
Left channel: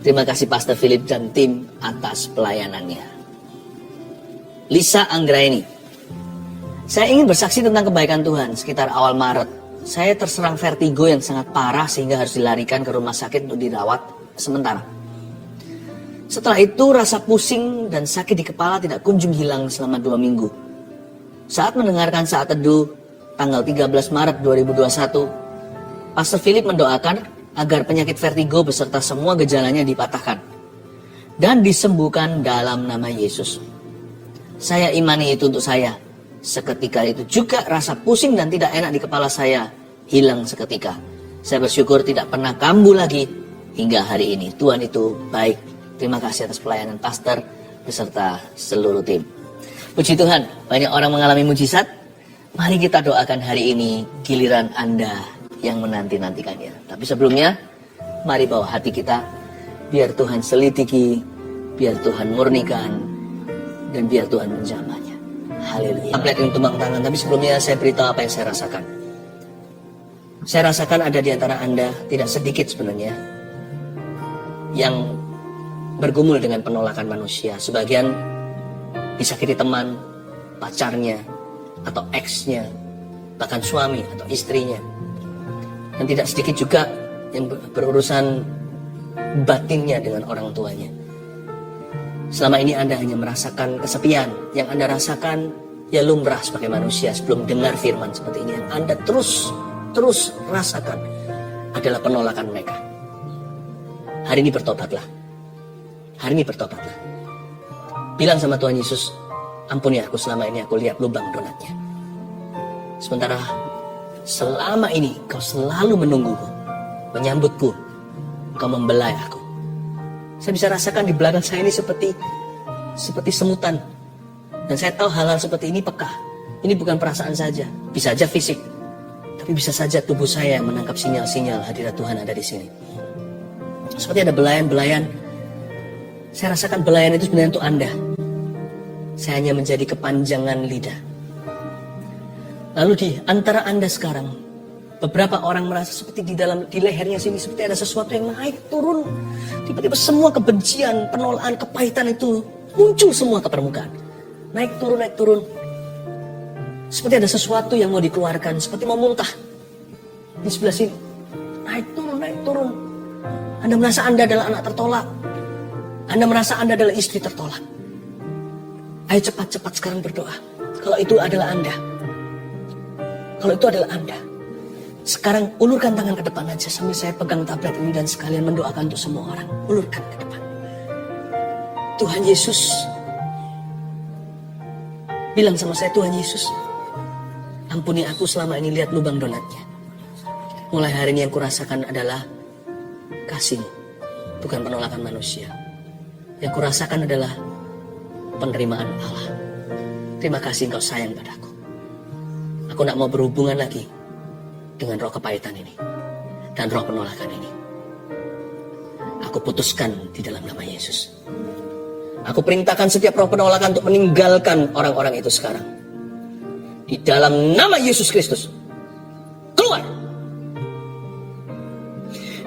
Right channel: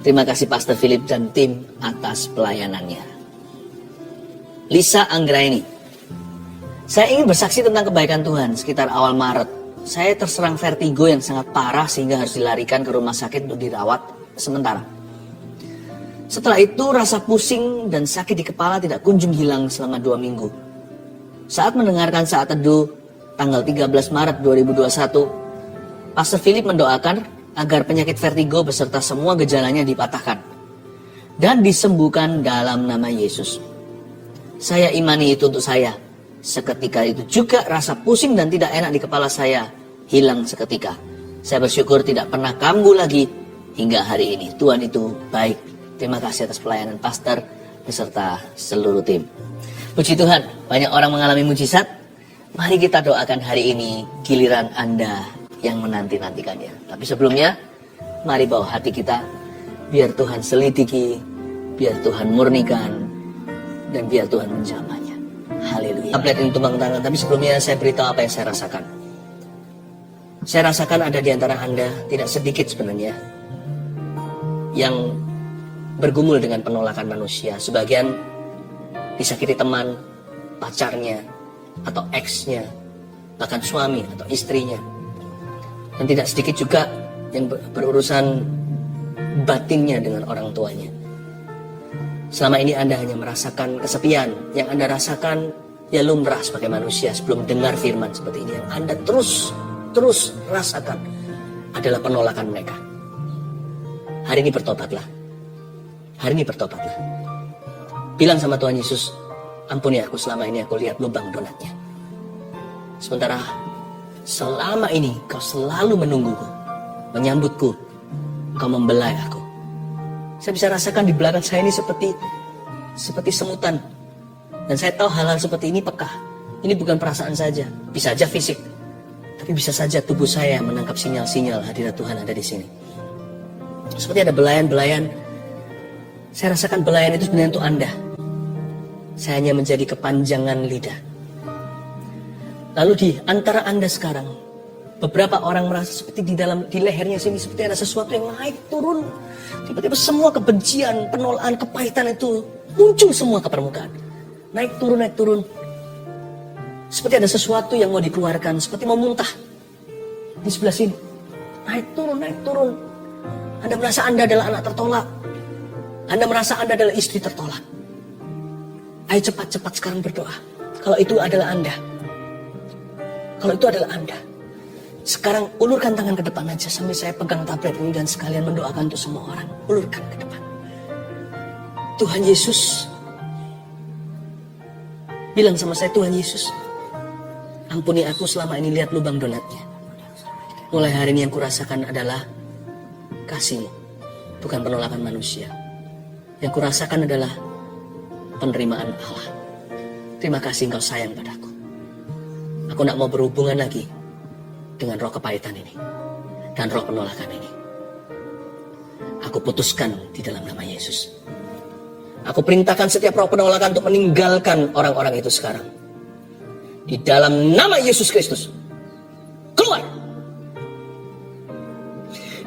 Terima kasih Pastor Philip dan tim atas pelayanannya. Lisa Anggraini. Saya ingin bersaksi tentang kebaikan Tuhan. Sekitar awal Maret, saya terserang vertigo yang sangat parah sehingga harus dilarikan ke rumah sakit untuk dirawat sementara. Setelah itu rasa pusing dan sakit di kepala tidak kunjung hilang selama 2 minggu. Saat mendengarkan saat teduh tanggal 13 Maret 2021, Pastor Philip mendoakan agar penyakit vertigo beserta semua gejalanya dipatahkan dan disembuhkan dalam nama Yesus. Saya imani itu untuk saya. Seketika itu juga rasa pusing dan tidak enak di kepala saya hilang seketika. Saya bersyukur tidak pernah kambuh lagi hingga hari ini. Tuhan itu baik. Terima kasih atas pelayanan pastor beserta seluruh tim. Puji Tuhan, banyak orang mengalami mujizat. Mari kita doakan hari ini giliran Anda yang menanti-nantikannya. Tapi sebelumnya, mari bawa hati kita. Biar Tuhan selidiki, biar Tuhan murnikan, dan biar Tuhan menjamahnya. Haleluya. Lihat untuk tumbang tangan, tapi sebelumnya saya beritahu apa yang saya rasakan. Saya rasakan ada di antara Anda, tidak sedikit sebenarnya, yang bergumul dengan penolakan manusia. Sebagian disakiti teman, pacarnya, atau ex-nya, bahkan suami atau istrinya. Dan tidak sedikit juga yang berurusan batinnya dengan orang tuanya. Selama ini Anda hanya merasakan kesepian. Yang Anda rasakan ya lumrah sebagai manusia sebelum dengar firman seperti ini. Yang Anda terus rasakan adalah penolakan mereka. Hari ini bertobatlah. Hari ini bertobatlah. Bilang sama Tuhan Yesus, ampuni aku, selama ini aku lihat lubang donatnya. Sementara selama ini kau selalu menungguku, menyambutku, kau membelai aku. Saya bisa rasakan di belakang saya ini seperti semutan. Dan saya tahu hal-hal seperti ini peka. Ini bukan perasaan saja, bisa saja fisik. Tapi bisa saja tubuh saya yang menangkap sinyal-sinyal hadirat Tuhan ada di sini. Seperti ada belayan-belayan. Saya rasakan belayan itu sebenarnya untuk Anda. Saya hanya menjadi kepanjangan lidah. Lalu di antara Anda sekarang, beberapa orang merasa seperti di lehernya sini seperti ada sesuatu yang naik turun. Tiba-tiba semua kebencian, penolakan, kepahitan itu muncul semua ke permukaan. Naik turun. Seperti ada sesuatu yang mau dikeluarkan, seperti mau muntah. Di sebelah sini, naik turun. Anda merasa Anda adalah anak tertolak. Anda merasa Anda adalah istri tertolak. Ayo cepat-cepat sekarang berdoa. Kalau itu adalah Anda. Sekarang ulurkan tangan ke depan aja sambil saya pegang tablet ini dan sekalian mendoakan untuk semua orang. Ulurkan ke depan. Tuhan Yesus. Bilang sama saya, Tuhan Yesus, ampuni aku selama ini lihat lubang donatnya. Mulai hari ini yang kurasakan adalah kasih-Mu, bukan penolakan manusia. Yang kurasakan adalah penerimaan Allah. Terima kasih Engkau sayang padaku. Aku tidak mau berhubungan lagi dengan roh kepahitan ini dan roh penolakan ini. Aku putuskan di dalam nama Yesus. Aku perintahkan setiap roh penolakan untuk meninggalkan orang-orang itu sekarang. Di dalam nama Yesus Kristus. Keluar.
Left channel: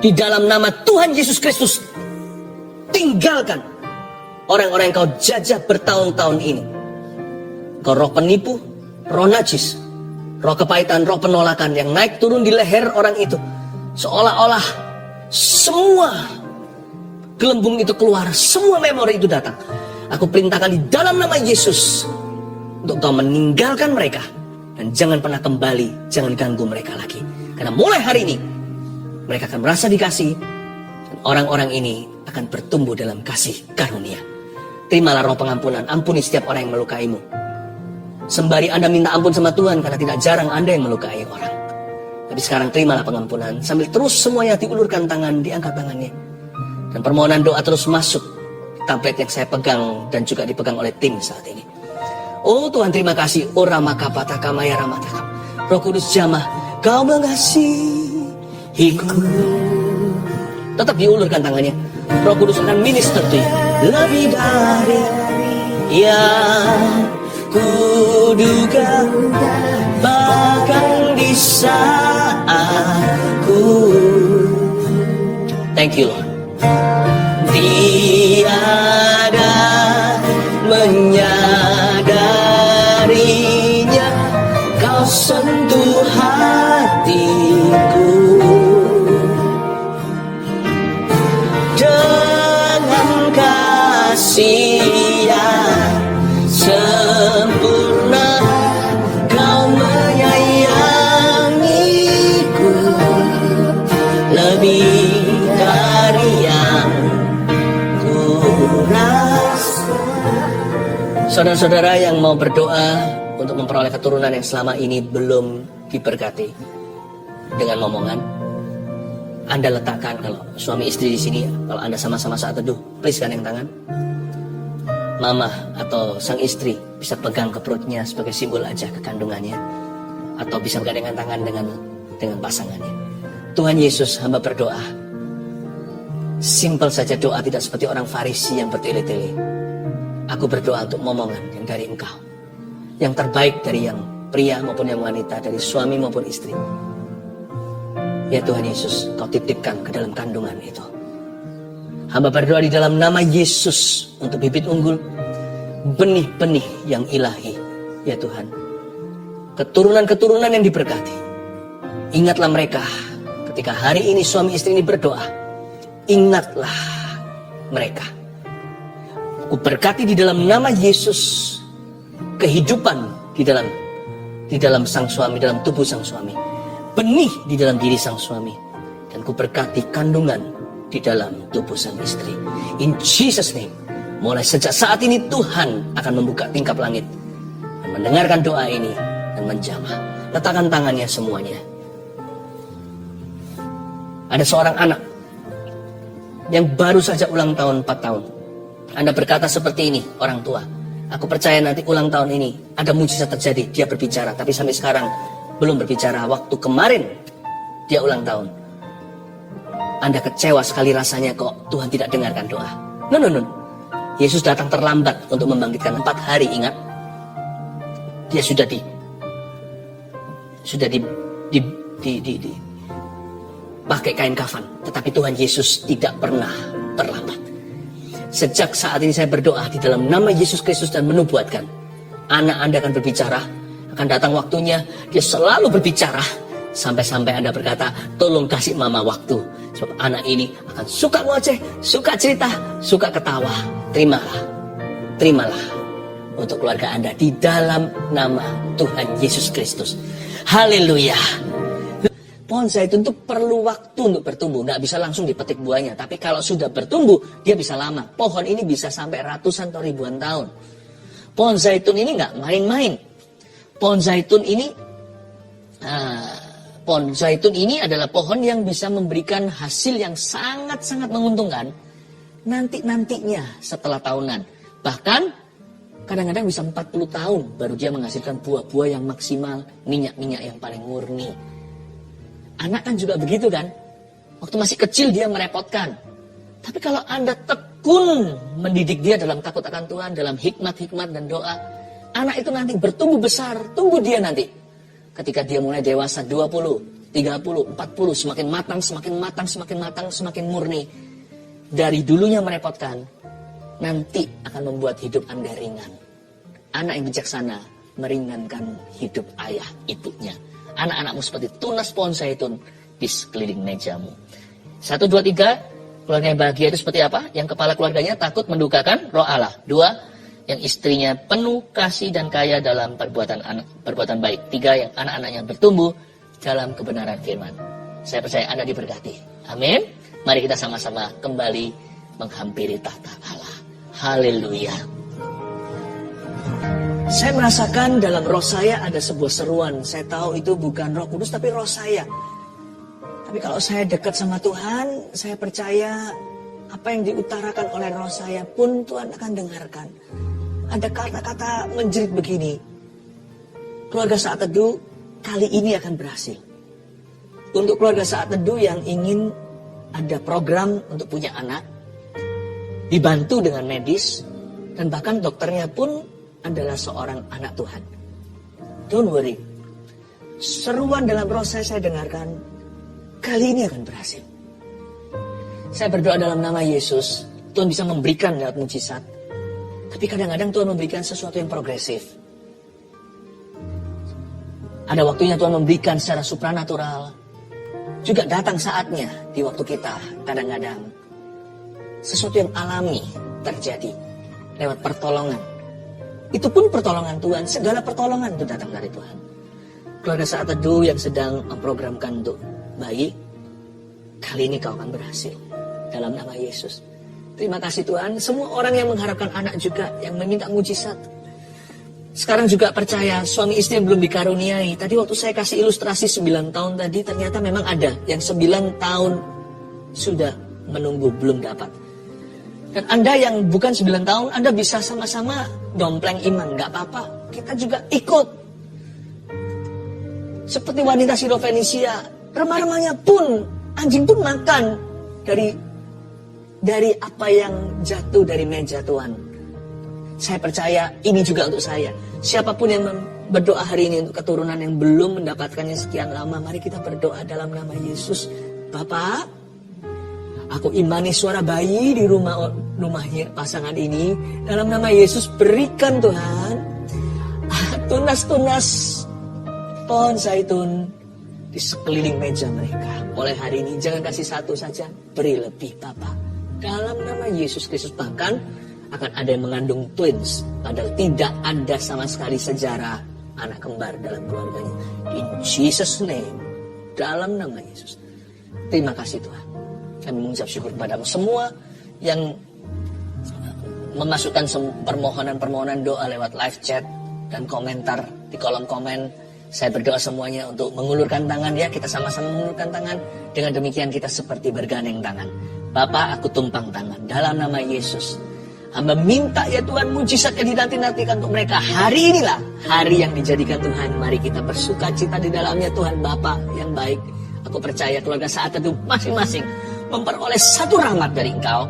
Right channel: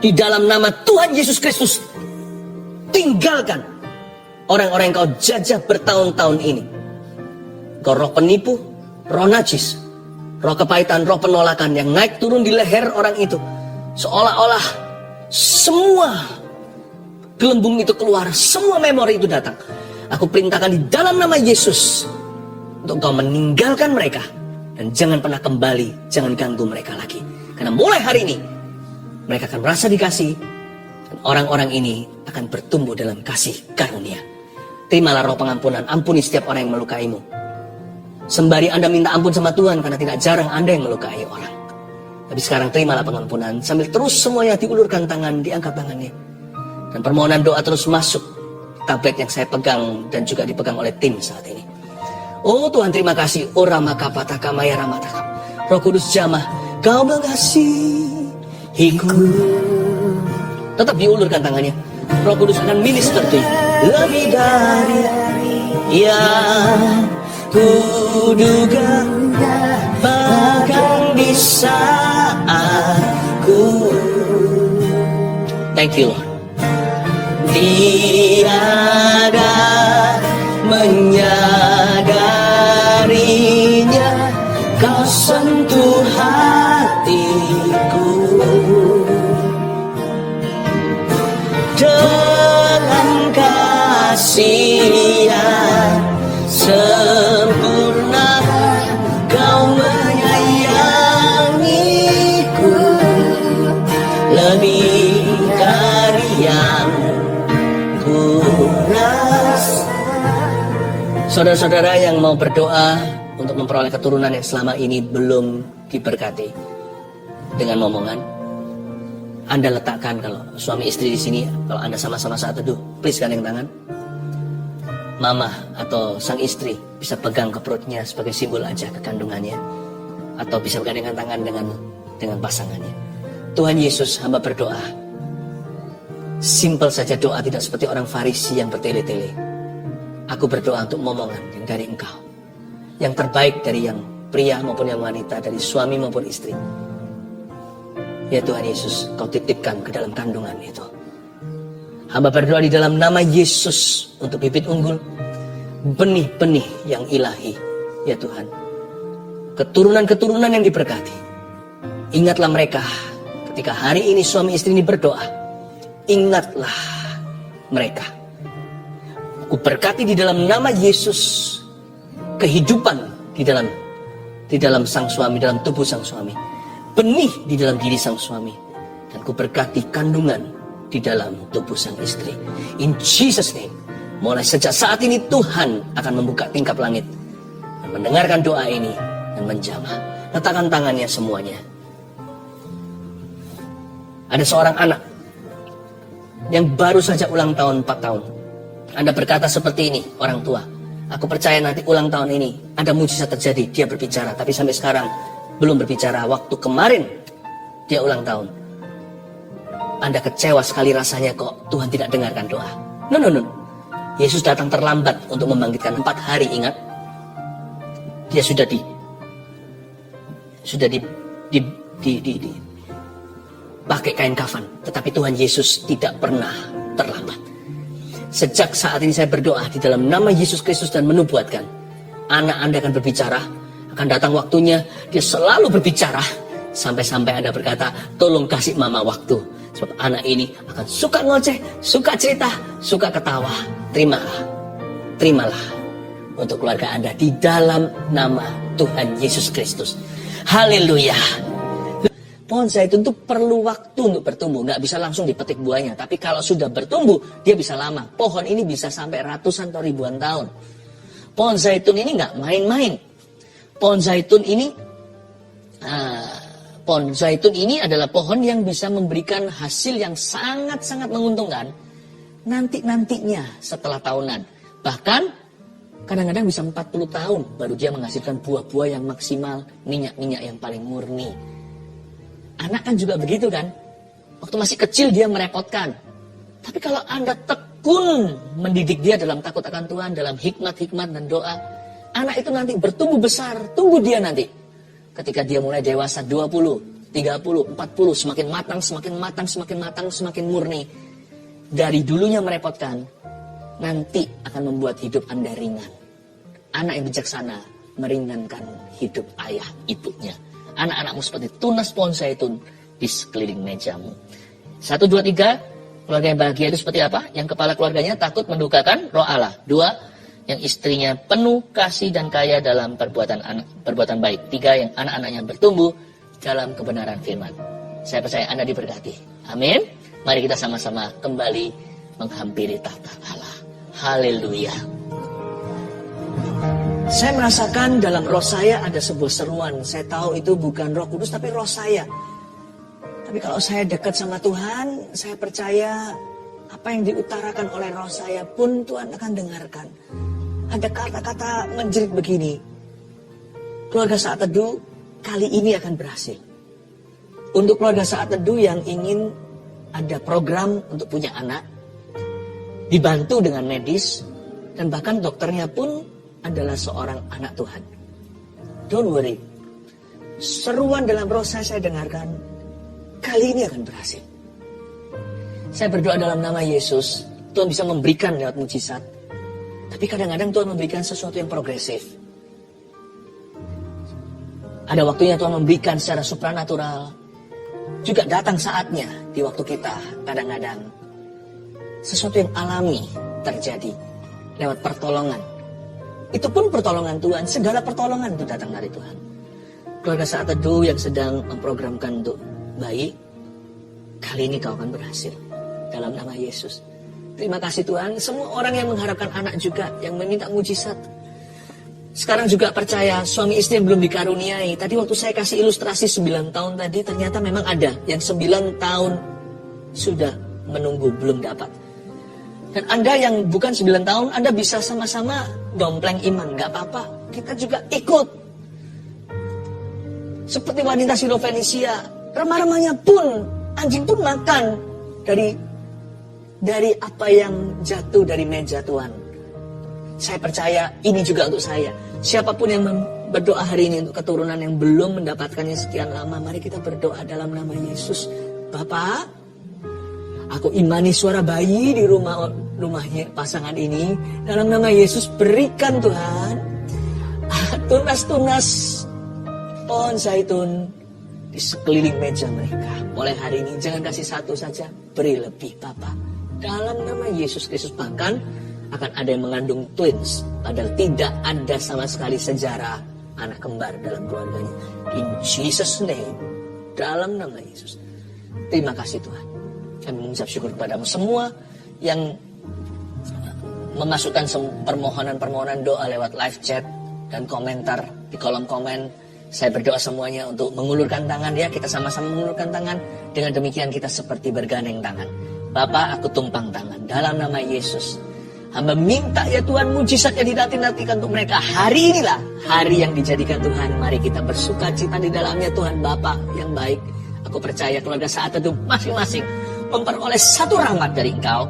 Di dalam nama Tuhan Yesus Kristus. Tinggalkan orang-orang yang kau jajah bertahun-tahun ini. Kau roh penipu, roh najis, roh kepahitan, roh penolakan yang naik turun di leher orang itu. Seolah-olah semua gelembung itu keluar, semua memori itu datang. Aku perintahkan di dalam nama Yesus untuk kau meninggalkan mereka. Dan jangan pernah kembali, jangan ganggu mereka lagi. Karena mulai hari ini, mereka akan merasa dikasih. Dan orang-orang ini akan bertumbuh dalam kasih karunia. Terimalah roh pengampunan, ampuni setiap orang yang melukaimu. Sembari Anda minta ampun sama Tuhan, karena tidak jarang Anda yang melukai orang. Tapi sekarang terimalah pengampunan, sambil terus semuanya diulurkan tangan, diangkat tangannya. Dan permohonan doa terus masuk tablet yang saya pegang dan juga dipegang oleh tim saat ini. Oh Tuhan, terima kasih. Oh Ramakapataka Maya Ramataka. Roh Kudus jamah, Kau mengasihiku. Tetap diulurkan tangannya. Roh Kudus akan minister to you. Lebih dari yang kuduga, bahkan bisa aku. Thank you Lord. Tiada menyadarinya, Kau sentuh hatiku dengan kasih yang sempurna. Kau menyayangiku lebih dari yang saudara-saudara yang mau berdoa untuk memperoleh keturunan yang selama ini belum diberkati dengan momongan, Anda letakkan, kalau suami istri di sini, kalau Anda sama-sama saat teduh, please gandeng tangan. Mama atau sang istri bisa pegang ke perutnya sebagai simbol aja kekandungannya, atau bisa bergandengan tangan dengan pasangannya. Tuhan Yesus, hamba berdoa. Simpel saja doa, tidak seperti orang Farisi yang bertele-tele. Aku berdoa untuk momongan yang dari Engkau, yang terbaik dari yang pria maupun yang wanita, dari suami maupun istri. Ya Tuhan Yesus, Kau titipkan ke dalam kandungan itu. Hamba berdoa di dalam nama Yesus untuk bibit unggul, benih-benih yang ilahi, ya Tuhan. Keturunan-keturunan yang diberkati. Ingatlah mereka ketika hari ini suami istri ini berdoa. Ingatlah mereka. Ku berkati di dalam nama Yesus kehidupan di dalam sang suami, dalam tubuh sang suami. Benih di dalam diri sang suami. Dan ku berkati kandungan di dalam tubuh sang istri. In Jesus name. Mulai sejak saat ini Tuhan akan membuka tingkap langit dan mendengarkan doa ini dan menjamah. Letakkan tangannya semuanya. Ada seorang anak yang baru saja ulang tahun 4 tahun. Anda berkata seperti ini, orang tua. Aku percaya nanti ulang tahun ini ada mujizat terjadi. Dia berbicara, tapi sampai sekarang belum berbicara. Waktu kemarin dia ulang tahun. Anda kecewa sekali rasanya kok Tuhan tidak dengarkan doa. No. Yesus datang terlambat untuk membangkitkan 4 hari, ingat. Dia sudah pakai kain kafan, tetapi Tuhan Yesus tidak pernah terlambat. Sejak saat ini saya berdoa di dalam nama Yesus Kristus dan menubuatkan, anak Anda akan berbicara, akan datang waktunya, dia selalu berbicara, sampai-sampai Anda berkata, tolong kasih mama waktu. Sebab anak ini akan suka ngoceh, suka cerita, suka ketawa. Terimalah untuk keluarga Anda di dalam nama Tuhan Yesus Kristus. Haleluya. Pohon zaitun itu perlu waktu untuk bertumbuh. Nggak bisa langsung dipetik buahnya. Tapi kalau sudah bertumbuh, dia bisa lama. Pohon ini bisa sampai ratusan atau ribuan tahun. Pohon zaitun ini nggak main-main. Pohon zaitun ini adalah pohon yang bisa memberikan hasil yang sangat-sangat menguntungkan. Nantinya setelah tahunan. Bahkan kadang-kadang bisa 40 tahun baru dia menghasilkan buah-buah yang maksimal. Minyak-minyak yang paling murni. Anak kan juga begitu kan. Waktu masih kecil dia merepotkan. Tapi kalau Anda tekun mendidik dia dalam takut akan Tuhan, dalam hikmat-hikmat dan doa, anak itu nanti bertumbuh besar. Tunggu dia nanti. Ketika dia mulai dewasa 20, 30, 40, semakin matang, semakin murni. Dari dulunya merepotkan, nanti akan membuat hidup Anda ringan. Anak yang bijaksana meringankan hidup ayah ibunya. Anak-anakmu seperti tunas pohon zaitun di sekeliling mejamu. 1, 2, 3. Keluarga yang bahagia itu seperti apa? Yang kepala keluarganya takut mendukakan roh Allah. 2. Yang istrinya penuh kasih dan kaya dalam perbuatan baik. 3. Yang anak-anaknya bertumbuh dalam kebenaran firman. Saya percaya Anda diberkati. Amin. Mari kita sama-sama kembali menghampiri tahta Allah. Haleluya. Saya merasakan dalam roh saya ada sebuah seruan. Saya tahu itu bukan Roh Kudus tapi roh saya. Tapi kalau saya dekat sama Tuhan, saya percaya apa yang diutarakan oleh roh saya pun Tuhan akan dengarkan. Ada kata-kata menjerit begini. Keluarga Saat Teduh kali ini akan berhasil. Untuk keluarga Saat Teduh yang ingin ada program untuk punya anak, dibantu dengan medis, dan bahkan dokternya pun adalah seorang anak Tuhan. Don't worry. Seruan dalam roh saya dengarkan. Kali ini akan berhasil. Saya berdoa dalam nama Yesus. Tuhan bisa memberikan lewat mujizat. Tapi kadang-kadang Tuhan memberikan sesuatu yang progresif. Ada waktunya Tuhan memberikan secara supranatural. Juga datang saatnya di waktu kita kadang-kadang. Sesuatu yang alami terjadi lewat pertolongan. Itu pun pertolongan Tuhan. Segala pertolongan itu datang dari Tuhan. Keluarga Saat Teduh yang sedang memprogramkan untuk bayi, kali ini kau akan berhasil. Dalam nama Yesus. Terima kasih Tuhan. Semua orang yang mengharapkan anak juga, yang meminta mujizat. Sekarang juga percaya suami istri yang belum dikaruniai. Tadi waktu saya kasih ilustrasi 9 tahun tadi, ternyata memang ada yang 9 tahun sudah menunggu belum dapat. Dan Anda yang bukan 9 tahun, Anda bisa sama-sama dompleng iman, gak apa-apa. Kita juga ikut. Seperti wanita Sirofenisia, remah-remahnya pun, anjing pun makan dari apa yang jatuh dari meja Tuhan. Saya percaya ini juga untuk saya. Siapapun yang berdoa hari ini untuk keturunan yang belum mendapatkannya sekian lama, mari kita berdoa dalam nama Yesus. Bapak, Aku imani suara bayi di rumahnya pasangan ini. Dalam nama Yesus berikan Tuhan tunas-tunas pohon zaitun di sekeliling meja mereka. Mulai hari ini jangan kasih satu saja, beri lebih Bapa. Dalam nama Yesus Kristus, bahkan akan ada yang mengandung twins, padahal tidak ada sama sekali sejarah anak kembar dalam keluarganya. In Jesus name, dalam nama Yesus. Terima kasih Tuhan. Kami mengucap syukur kepadamu semua yang memasukkan permohonan-permohonan doa lewat live chat dan komentar di kolom komen. Saya berdoa semuanya untuk mengulurkan tangan ya. Kita sama-sama mengulurkan tangan. Dengan demikian kita seperti bergandeng tangan. Bapa, aku tumpang tangan dalam nama Yesus. Hamba minta ya Tuhan mujizat yang dinanti-nantikan untuk mereka. Hari inilah hari yang dijadikan Tuhan. Mari kita bersuka cita di dalamnya Tuhan Bapa yang baik. Aku percaya keluarga Saat Teduh masing-masing memperoleh satu rahmat dari Engkau.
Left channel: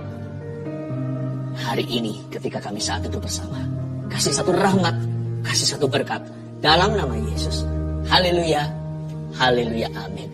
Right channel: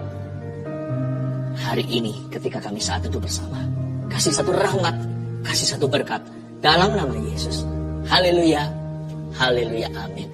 Hari ini ketika kami Saat Teduh bersama. Kasih satu rahmat, kasih satu berkat. Dalam nama Yesus. Haleluya, haleluya, amin.